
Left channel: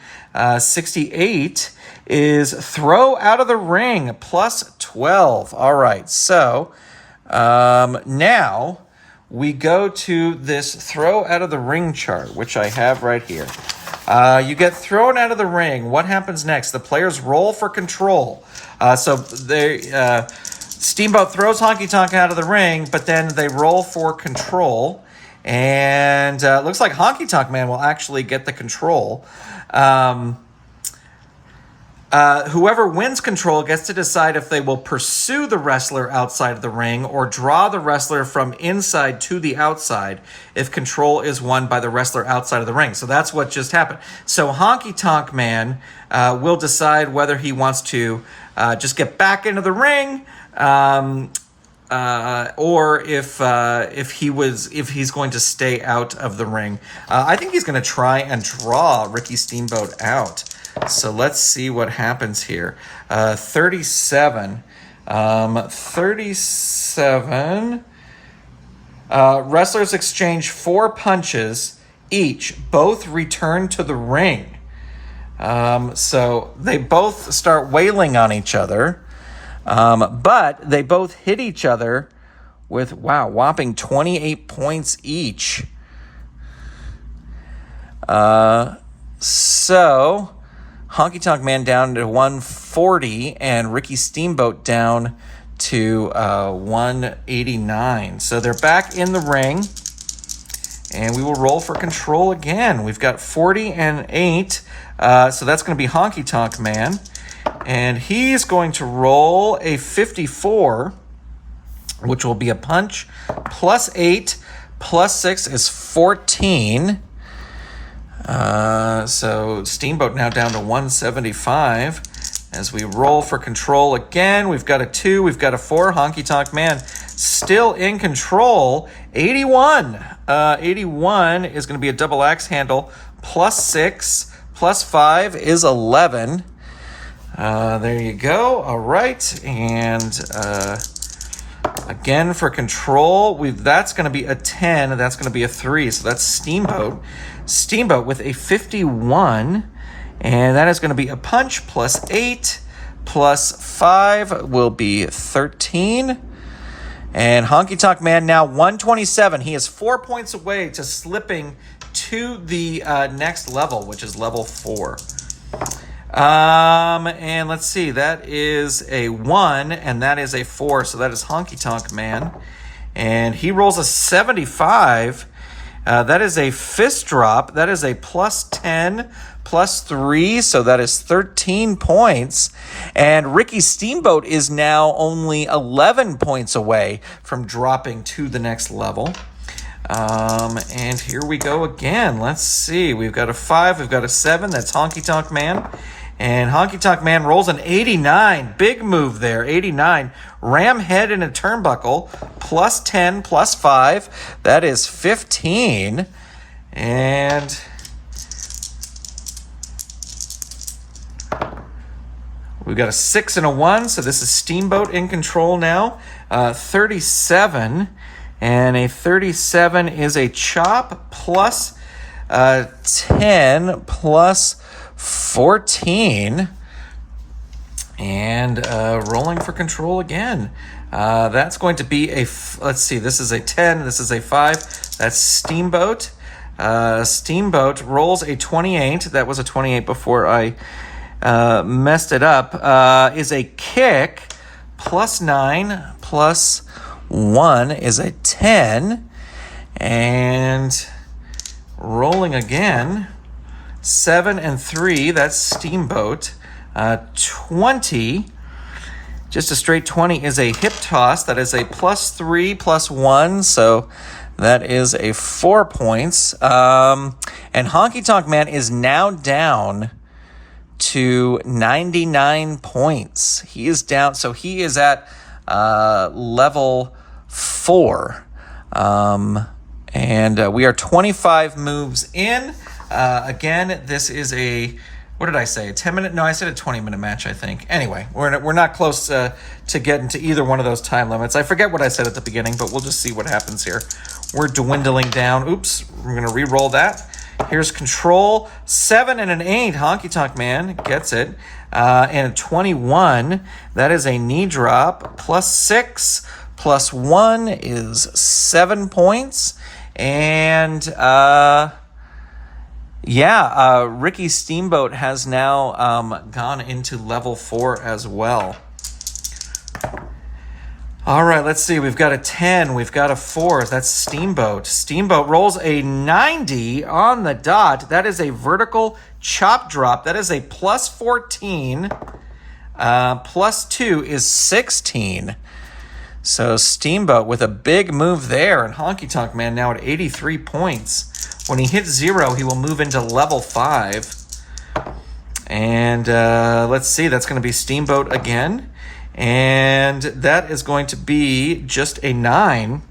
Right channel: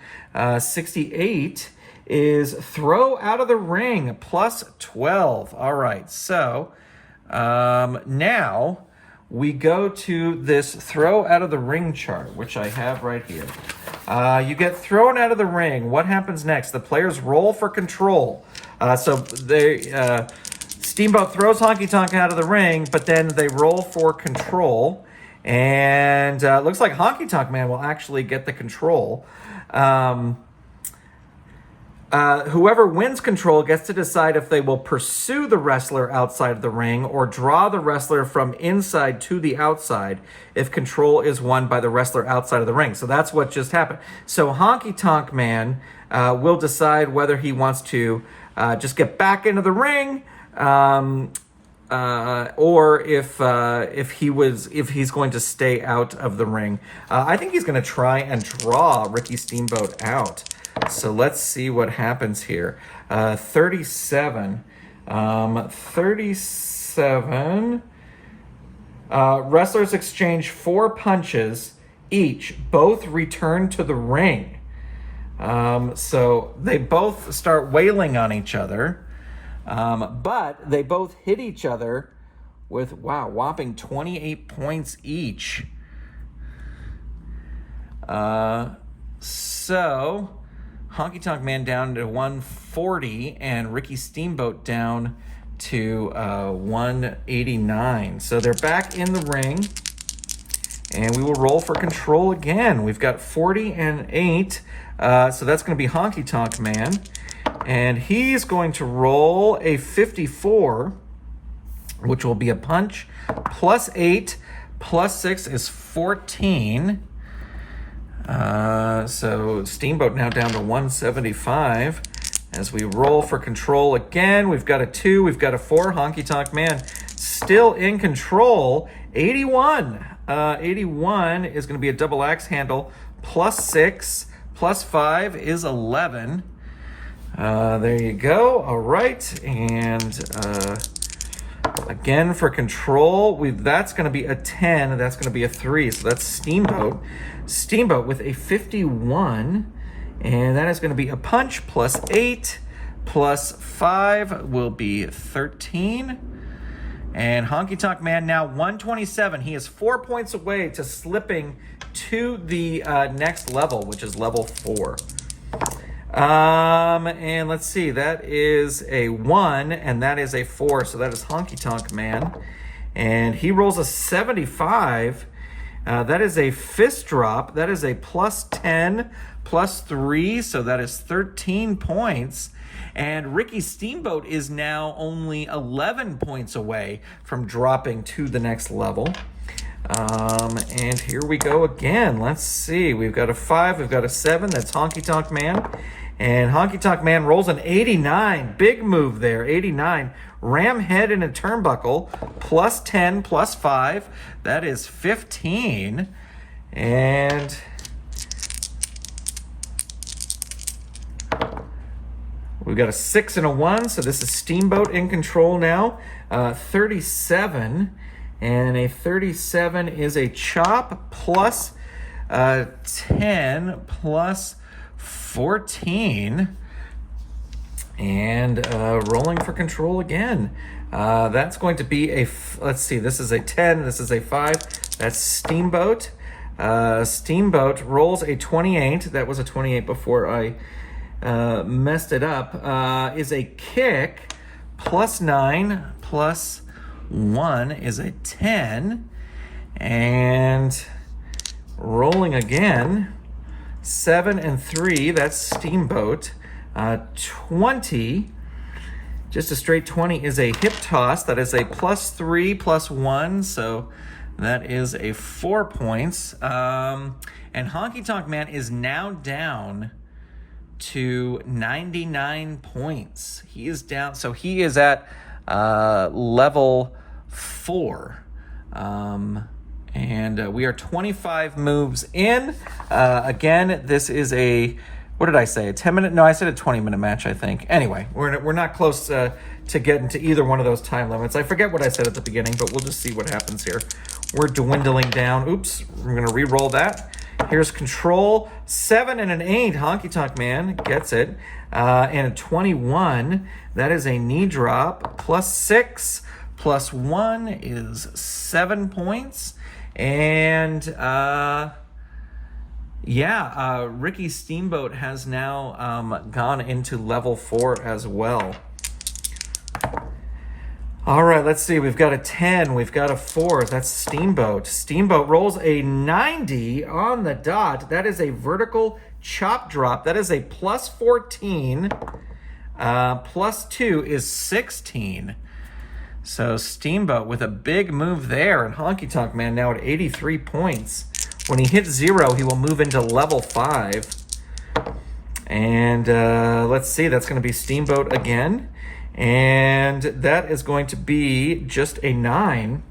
68 is throw out of the ring, plus 12. All right, so now we go to this throw out of the ring chart, which I have right here. You get thrown out of the ring. What happens next? The players roll for control. Steamboat throws Honky Tonk out of the ring, but then they roll for control. And looks like Honky Tonk Man will actually get the control. Whoever wins control gets to decide if they will pursue the wrestler outside of the ring or draw the wrestler from inside to the outside if control is won by the wrestler outside of the ring. So that's what just happened. So Honky Tonk Man will decide whether he wants to just get back into the ring or if he's going to stay out of the ring. I think he's going to try and draw Ricky Steamboat out. So let's see what happens here. 37. Wrestlers exchange 4 punches each. Both return to the ring. So they both start wailing on each other. But they both hit each other with, whopping 28 points each. So Honky Tonk Man down to 140, and Ricky Steamboat down to 189. So they're back in the ring, and we will roll for control again. We've got 40 and 8, so that's going to be Honky Tonk Man, and he's going to roll a 54, which will be a punch, plus 8, plus 6 is 14. So Steamboat now down to 175. As we roll for control again, we've got a 2, we've got a 4. Honky Tonk Man still in control. 81. 81 is going to be a double axe handle. Plus 6, plus 5 is 11. There you go. All right. And again for control, that's going to be a 10. And that's going to be a 3. So that's Steamboat. Steamboat with a 51. And that is going to be a punch, plus 8, plus 5 will be 13. And Honky Tonk Man now 127. He is 4 points away to slipping to the next level, which is level 4. And let's see, that is a 1, and that is a 4, so that is Honky Tonk Man. And he rolls a 75. That is a fist drop. That is a plus 10, plus 3, so that is 13 points. And Ricky Steamboat is now only 11 points away from dropping to the next level. And here we go again. Let's see. We've got a 5, we've got a 7. That's Honky Tonk Man. And Honky Tonk Man rolls an 89. Big move there, 89. Ram head in a turnbuckle, plus 10, plus 5. That is 15. And we've got a 6 and a 1, so this is Steamboat in control now. 37. And a 37 is a chop, plus 10, plus 14. And rolling for control again. That's going to be let's see, this is a 10, this is a 5. That's Steamboat. Steamboat rolls a 28. That was a 28 before I messed it up. Is a kick, plus 9, plus 1 is a 10. And rolling again, 7 and 3, that's Steamboat. 20, just a straight 20 is a hip toss. That is a plus 3, plus 1, so that is a 4 points. And Honky Tonk Man is now down to 99 points. He is down, so he is at level 4. And we are 25 moves in. Again, this is a, what did I say? A 10-minute? No, I said a 20-minute match, I think. Anyway, we're not close to getting to either one of those time limits. I forget what I said at the beginning, but we'll just see what happens here. We're dwindling down. Oops, we're going to re-roll that. Here's control. 7 and an 8. Honky Tonk Man gets it. And a 21. That is a knee drop. Plus 6, plus 1 is 7 points. And Ricky Steamboat has now gone into level 4 as well. All right, let's see. We've got a 10. We've got a 4. That's Steamboat. Steamboat rolls a 90 on the dot. That is a vertical chop drop. That is a plus 14. Plus 2 is 16. So Steamboat with a big move there. And Honky Tonk Man now at 83 points. When he hits 0, he will move into level 5. And let's see, that's going to be Steamboat again. And that is going to be just a 9.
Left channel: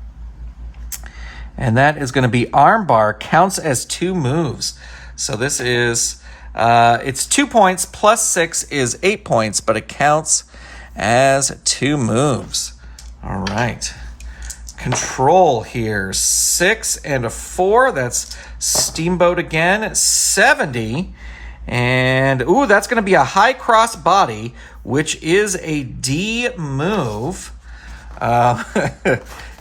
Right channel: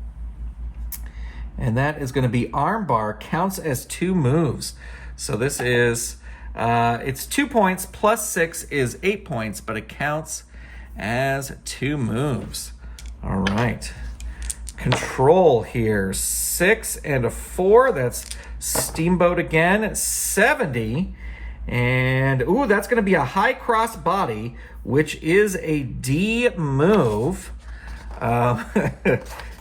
And that is going to be armbar. Counts as 2 moves. So this is, it's 2 points, plus 6 is 8 points, but it counts as 2 moves. All right. Control here, 6 and a 4. That's Steamboat again, 70. And, ooh, that's going to be a high cross body, which is a D move. Yeah,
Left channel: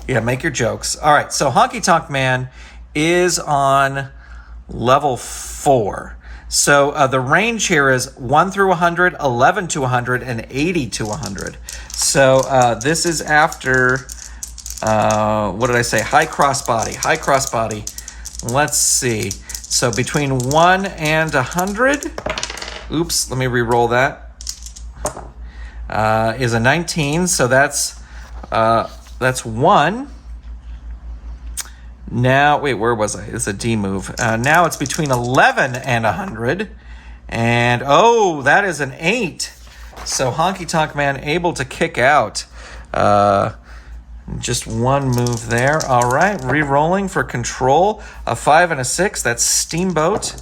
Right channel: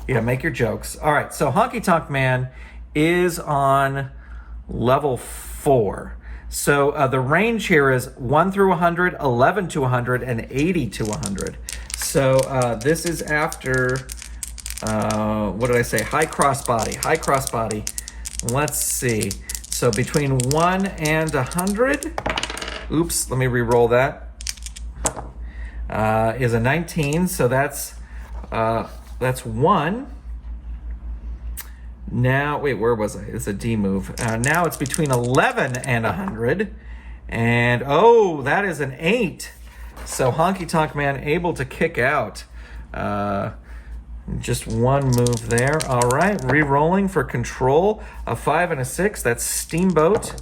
make your jokes. All right, so Honky Tonk Man is on level 4. So the range here is 1 through 100, 11 to 100, and 80 to 100. So this is after, what did I say? High crossbody. High crossbody. Let's see. So between 1 and 100, oops, let me re-roll that, is a 19. So that's 1. Now, wait, where was I? It's a D move. Now it's between 11 and 100. And, oh, that is an 8. So Honky Tonk Man able to kick out. Just one move there. All right, re-rolling for control. A 5 and a 6. That's Steamboat.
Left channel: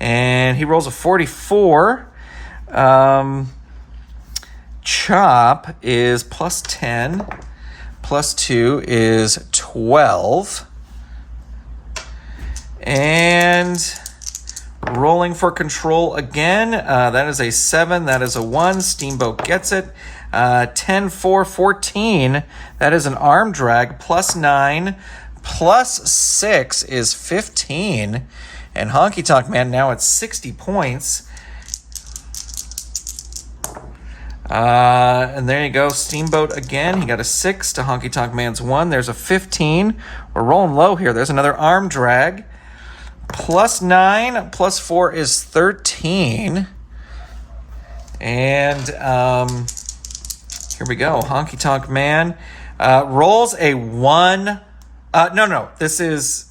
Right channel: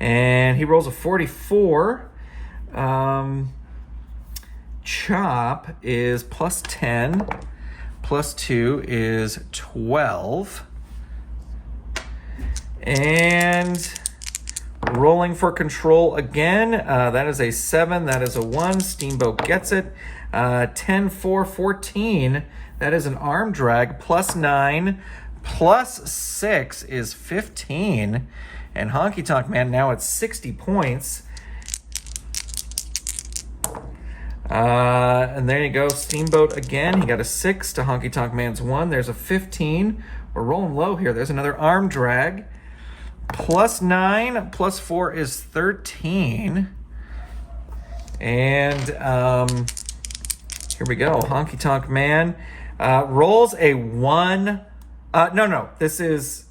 And he rolls a 44. Chop is plus 10. Plus 2 is 12. And rolling for control again. That is a 7. That is a 1. Steamboat gets it. 10, 4, 14. That is an arm drag. Plus 9. Plus 6 is 15. And Honky Tonk Man now at 60 points. And there you go. Steamboat again. He got a 6 to Honky Tonk Man's 1. There's a 15. We're rolling low here. There's another arm drag. Plus 9, plus 4 is 13. And here we go. Honky Tonk Man rolls a 1. No. This is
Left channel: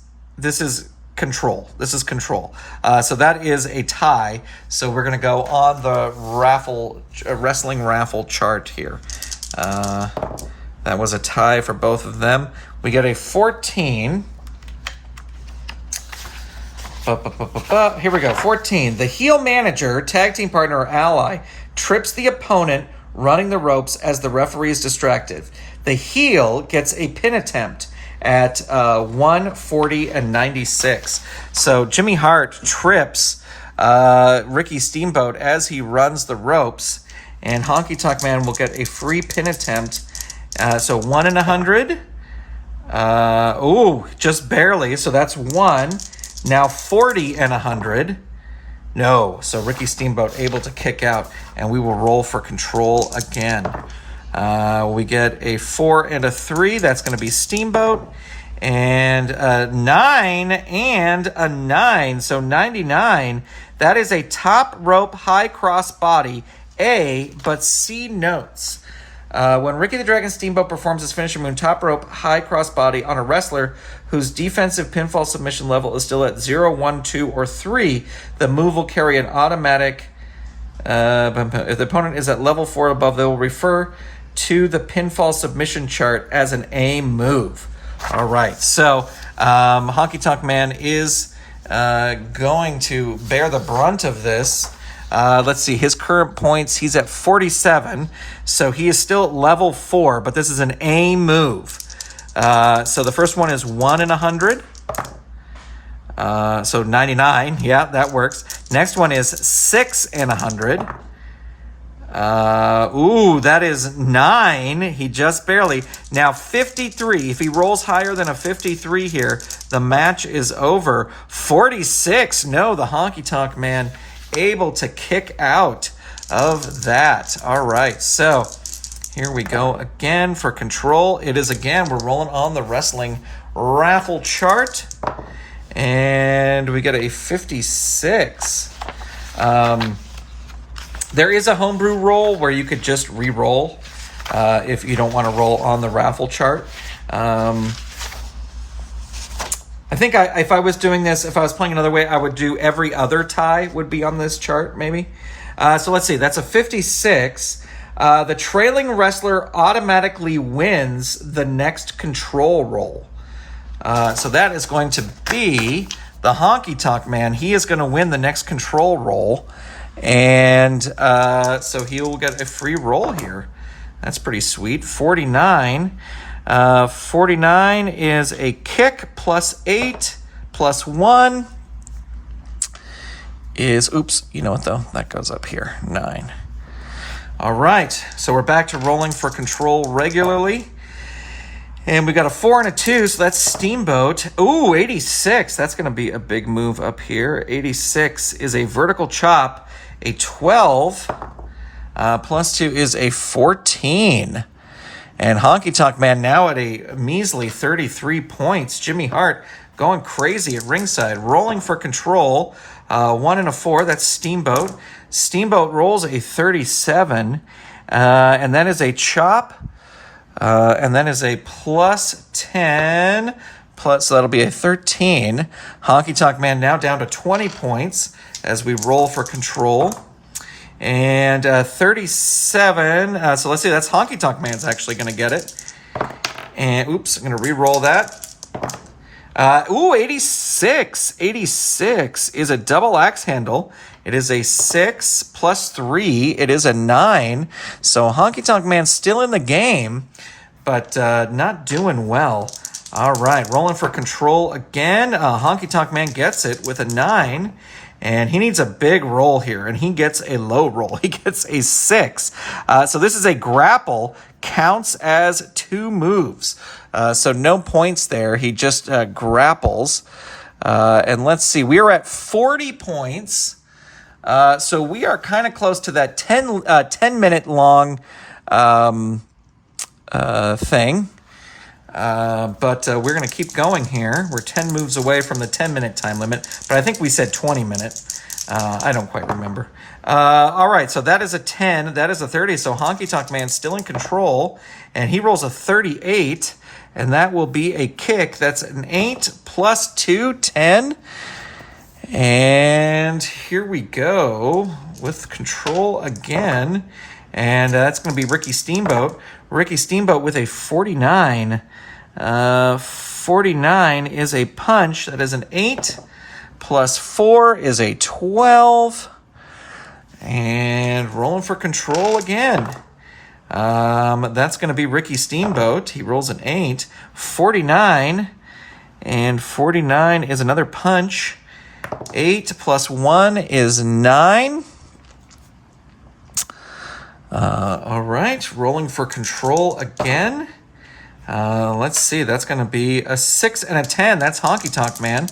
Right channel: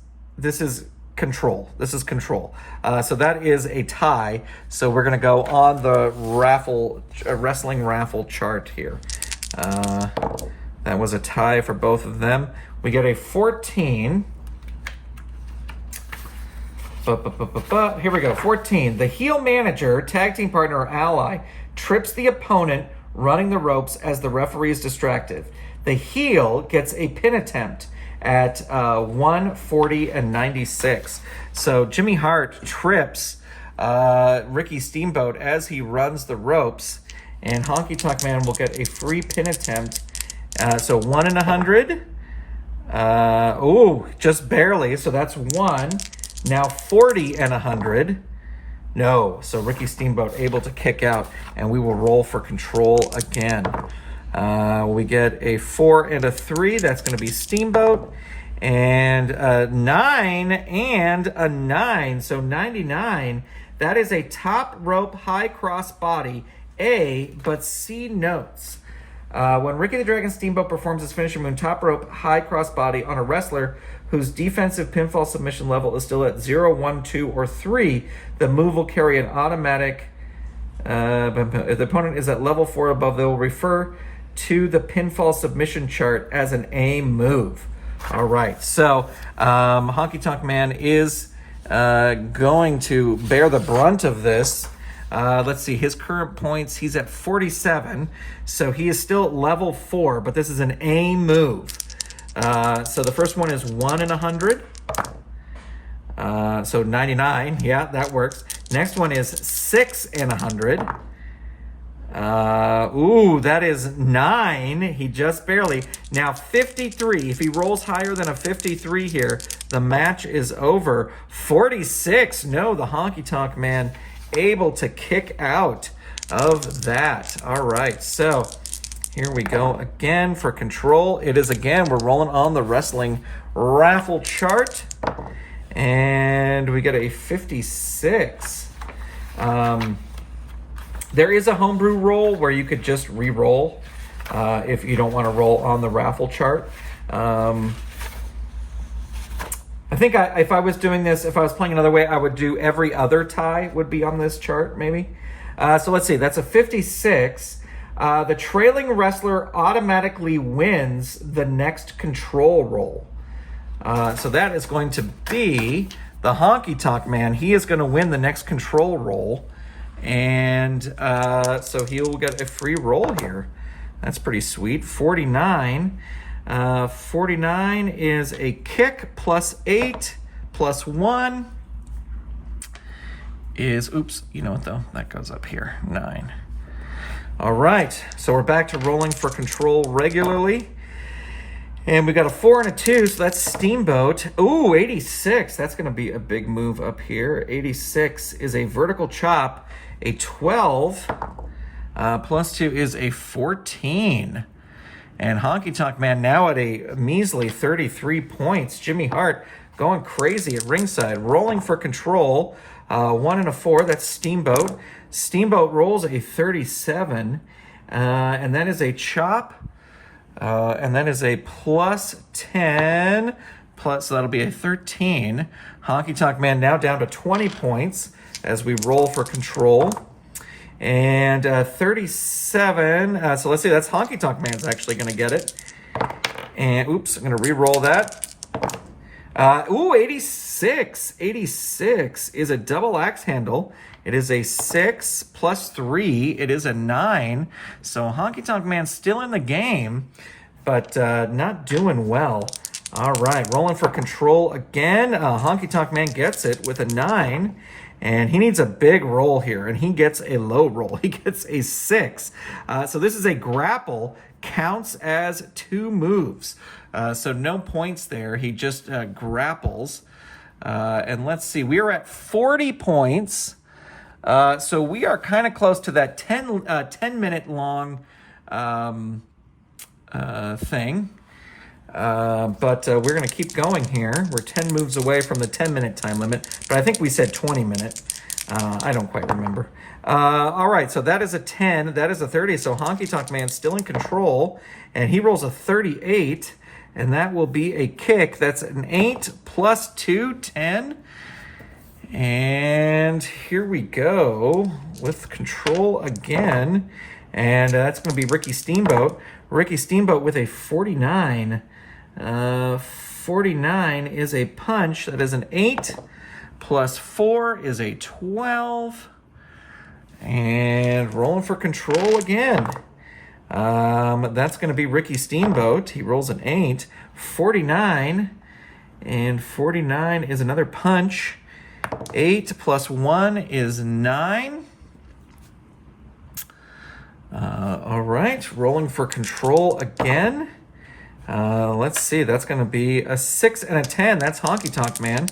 control. This is control. So that is a tie. So we're going to go on the wrestling raffle chart here. That was a tie for both of them. We get a 14. Here we go. 14. The heel manager, tag team partner, or ally trips the opponent running the ropes as the referee is distracted. The heel gets a pin attempt at 1, 40, and 96. So Jimmy Hart trips Ricky Steamboat as he runs the ropes, and Honky Tonk Man will get a free pin attempt. So 1 in 100. Just barely. So that's 1. Now 40 and 100. No. So Ricky Steamboat able to kick out, and we will roll for control again. We get a 4 and a 3. That's going to be Steamboat. And a 9 and a 9. So 99. That is a top rope high cross body A, but C notes. When Ricky the Dragon Steamboat performs his finisher move, top rope high cross body on a wrestler whose defensive pinfall submission level is still at 0, 1, 2, or 3, the move will carry an automatic. If the opponent is at level 4 or above, they will refer to the pinfall submission chart as an A move. All right, so Honky Tonk Man is going to bear the brunt of this. Let's see, his current points, he's at 47, so he is still at level 4, but this is an A move. So the first one is 1 in 100. So 99, yeah, that works. Next one is 6 in 100. That is 9. He just barely. Now 53. If he rolls higher than a 53 here, the match is over. 46. No, the Honky Tonk Man able to kick out of that. All right, so here we go again for control. It is again, we're rolling on the wrestling raffle chart, and we get a 56. There is a homebrew roll where you could just re-roll if you don't want to roll on the raffle chart. I think if I was doing this, if I was playing another way, I would do every other tie would be on this chart, maybe. So let's see. That's a 56. The trailing wrestler automatically wins the next control roll. So that is going to be the Honky Tonk Man. He is going to win the next control roll. And so he'll get a free roll here. That's pretty sweet. 49. 49 is a kick plus 8 plus 1 is, oops, you know what though? That goes up here, 9. All right, so we're back to rolling for control regularly. And we got a 4 and a 2, so that's Steamboat. Ooh, 86. That's going to be a big move up here. 86 is a vertical chop. A 12 plus 2 is a 14. And Honky Tonk Man now at a measly 33 points. Jimmy Hart going crazy at ringside, rolling for control. 1 and a 4, that's Steamboat. Steamboat rolls a 37, and that is a chop. And then is a plus 10, so that'll be a 13. Honky Tonk Man now down to 20 points as we roll for control. And 37, so let's see, that's Honky Tonk Man's actually going to get it. And, oops, I'm going to re-roll that. 86. 86 is a double axe handle. It is a 6 plus 3. It is a 9. So Honky Tonk Man still in the game, but not doing well. All right, rolling for control again. Honky Tonk Man gets it with a 9. And he needs a big roll here, and he gets a low roll. He gets a 6. So this is a grapple, counts as 2 moves. So no points there. He just grapples. And let's see, we are at 40 points. So we are kind of close to that 10-minute long thing. But we're going to keep going here. We're 10 moves away from the 10-minute time limit, but I think we said 20-minute. I don't quite remember. All right, so that is a 10. That is a 30. So Honky Tonk Man's still in control, and he rolls a 38, and that will be a kick. That's an 8 plus 2, 10. And here we go with control again, and that's going to be Ricky Steamboat. Ricky Steamboat with a 49. 49 is a punch. That is an 8 plus 4 is a 12. And rolling for control again. That's going to be Ricky Steamboat. He rolls an 8. 49. And 49 is another punch. 8 plus 1 is 9. All right, rolling for control again. Let's see, that's going to be a 6 and a 10. That's Honky Tonk Man.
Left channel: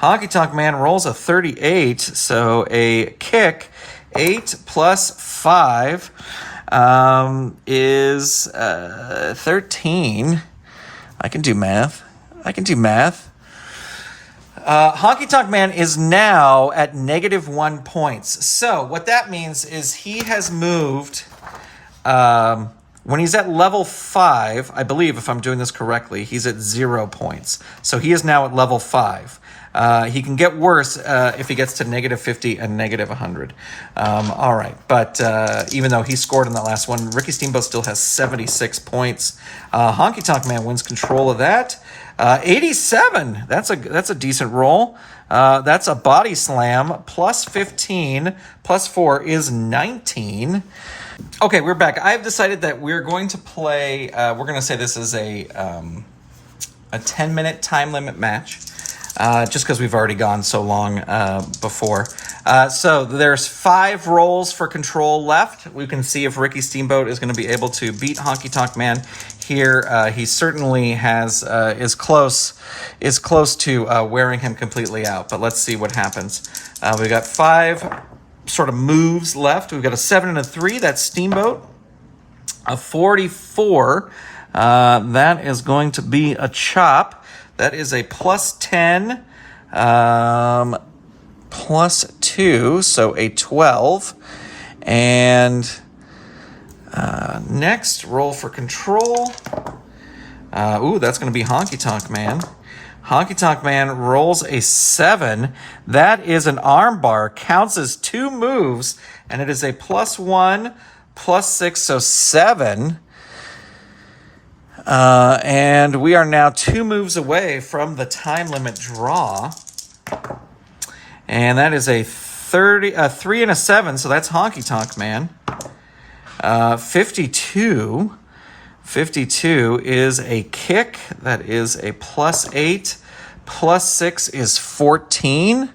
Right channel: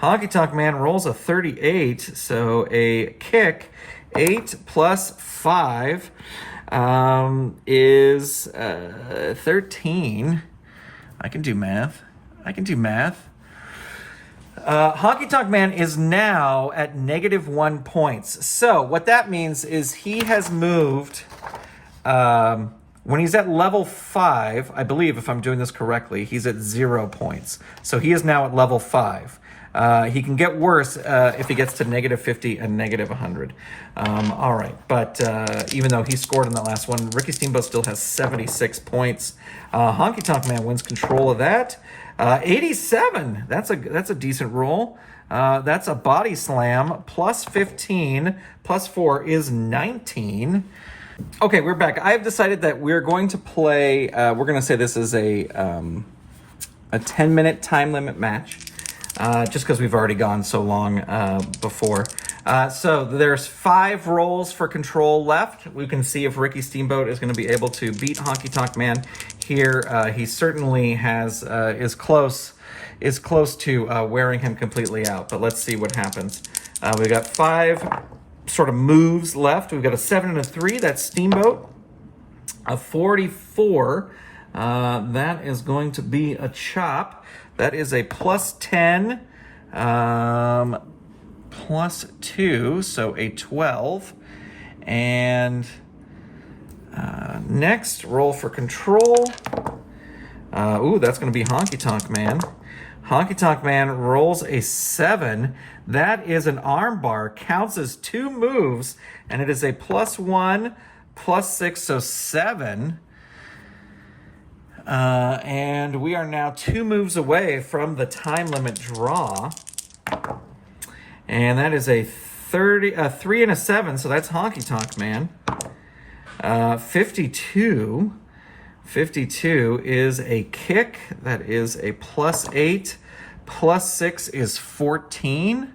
Honky Tonk Man rolls a 38, so a kick. 8 plus 5 is 13. I can do math. Honky Tonk Man is now at -1 points. So what that means is he has moved, when he's at level 5, I believe if I'm doing this correctly, he's at 0 points. So he is now at level 5. He can get worse if he gets to -50 and -100. All right, but even though he scored in the last one, Ricky Steamboat still has 76 points. Honky Tonk Man wins control of that. 87, that's a decent roll. That's a body slam, plus 15, plus 4 is 19. Okay, we're back. I've decided that we're going to play, we're going to say this is a 10-minute time limit match, just because we've already gone so long before. So there's 5 rolls for control left. We can see if Ricky Steamboat is going to be able to beat Honky Tonk Man here. He certainly is close to wearing him completely out, but let's see what happens. We've got 5 sort of moves left. We've got a 7 and a 3. That's Steamboat. A 44. That is going to be a chop. That is a plus 10, plus 2, so a 12. And next, roll for control. That's going to be Honky Tonk Man. Honky Tonk Man rolls a 7. That is an arm bar, counts as 2 moves, and it is a plus 1, plus 6, so 7. And we are now 2 moves away from the time limit draw. And that is a 3 and a 7, so that's Honky Tonk Man. 52. 52 is a kick. That is a plus 8. Plus 6 is 14.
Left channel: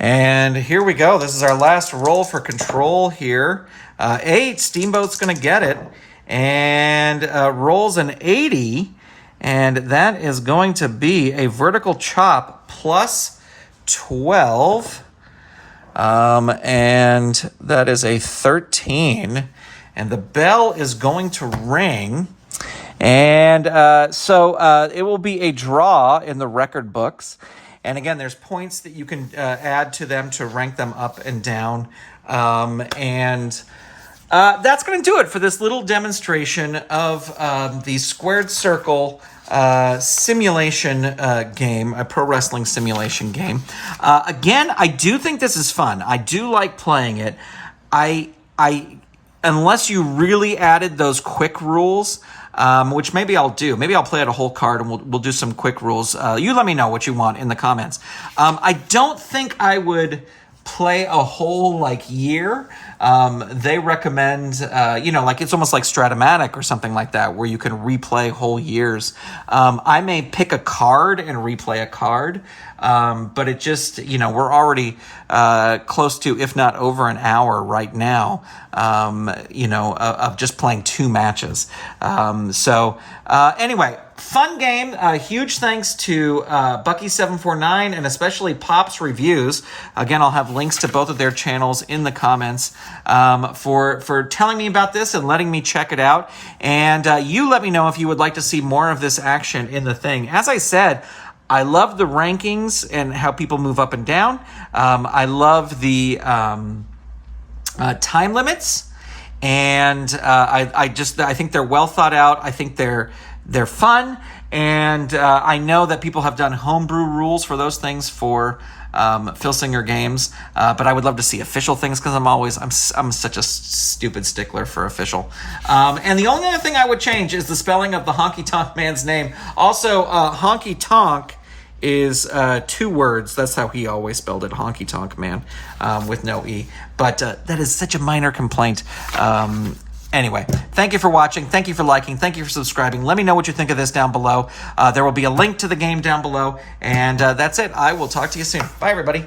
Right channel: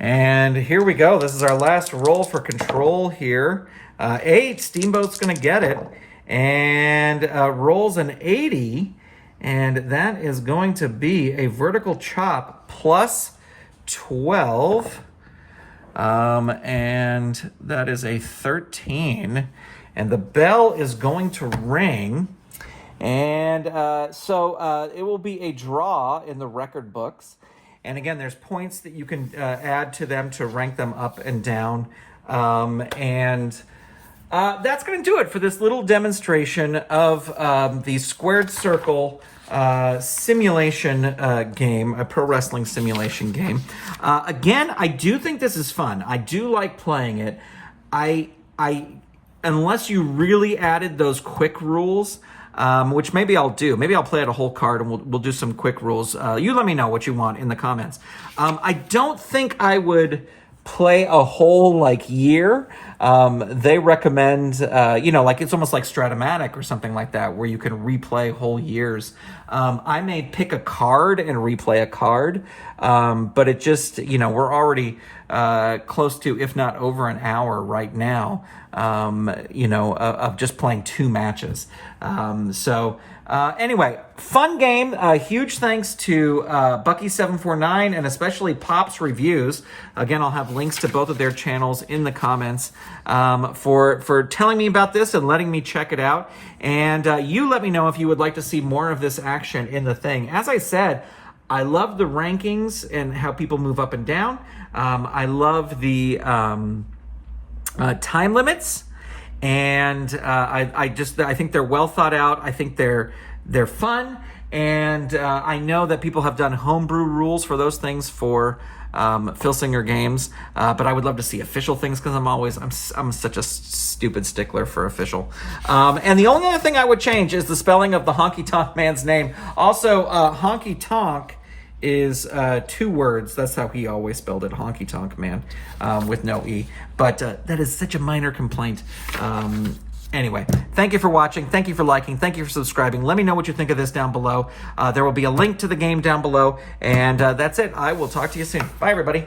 And here we go. This is our last roll for control here. 8, Steamboat's going to get it. and rolls an 80, and that is going to be a vertical chop plus 12, and that is a 13, and the bell is going to ring, and so it will be a draw in the record books. And again, there's points that you can add to them to rank them up and down. And that's going to do it for this little demonstration of the squared circle simulation game, a pro wrestling simulation game. Again, I do think this is fun. I do like playing it. I unless you really added those quick rules, which maybe I'll do. Maybe I'll play it a whole card and we'll do some quick rules. You let me know what you want in the comments. I don't think I would play a whole year. They recommend, it's almost like Stratomatic or something like that, where you can replay whole years. I may pick a card and replay a card, but it just, we're already close to, if not over an hour right now, of just playing 2 matches. Anyway, fun game. Huge thanks to Bucky749 and especially Pop's Reviews. Again, I'll have links to both of their channels in the comments for telling me about this and letting me check it out. And you let me know if you would like to see more of this action in the thing. As I said, I love the rankings and how people move up and down. I love the time limits. And I think they're well thought out. I think they're fun, and I know that people have done homebrew rules for those things for Phil Singer games, but I would love to see official things because I'm such a stupid stickler for official. And the only other thing I would change is the spelling of the Honky Tonk man's name. Also, Honky Tonk is 2 words. That's how he always spelled it, Honky Tonk Man, with no E. But that is such a minor complaint. Anyway, thank you for watching. Thank you for liking. Thank you for subscribing. Let me know what you think of this down below. There will be a link to the game down below. And that's it. I will talk to you soon. Bye, everybody.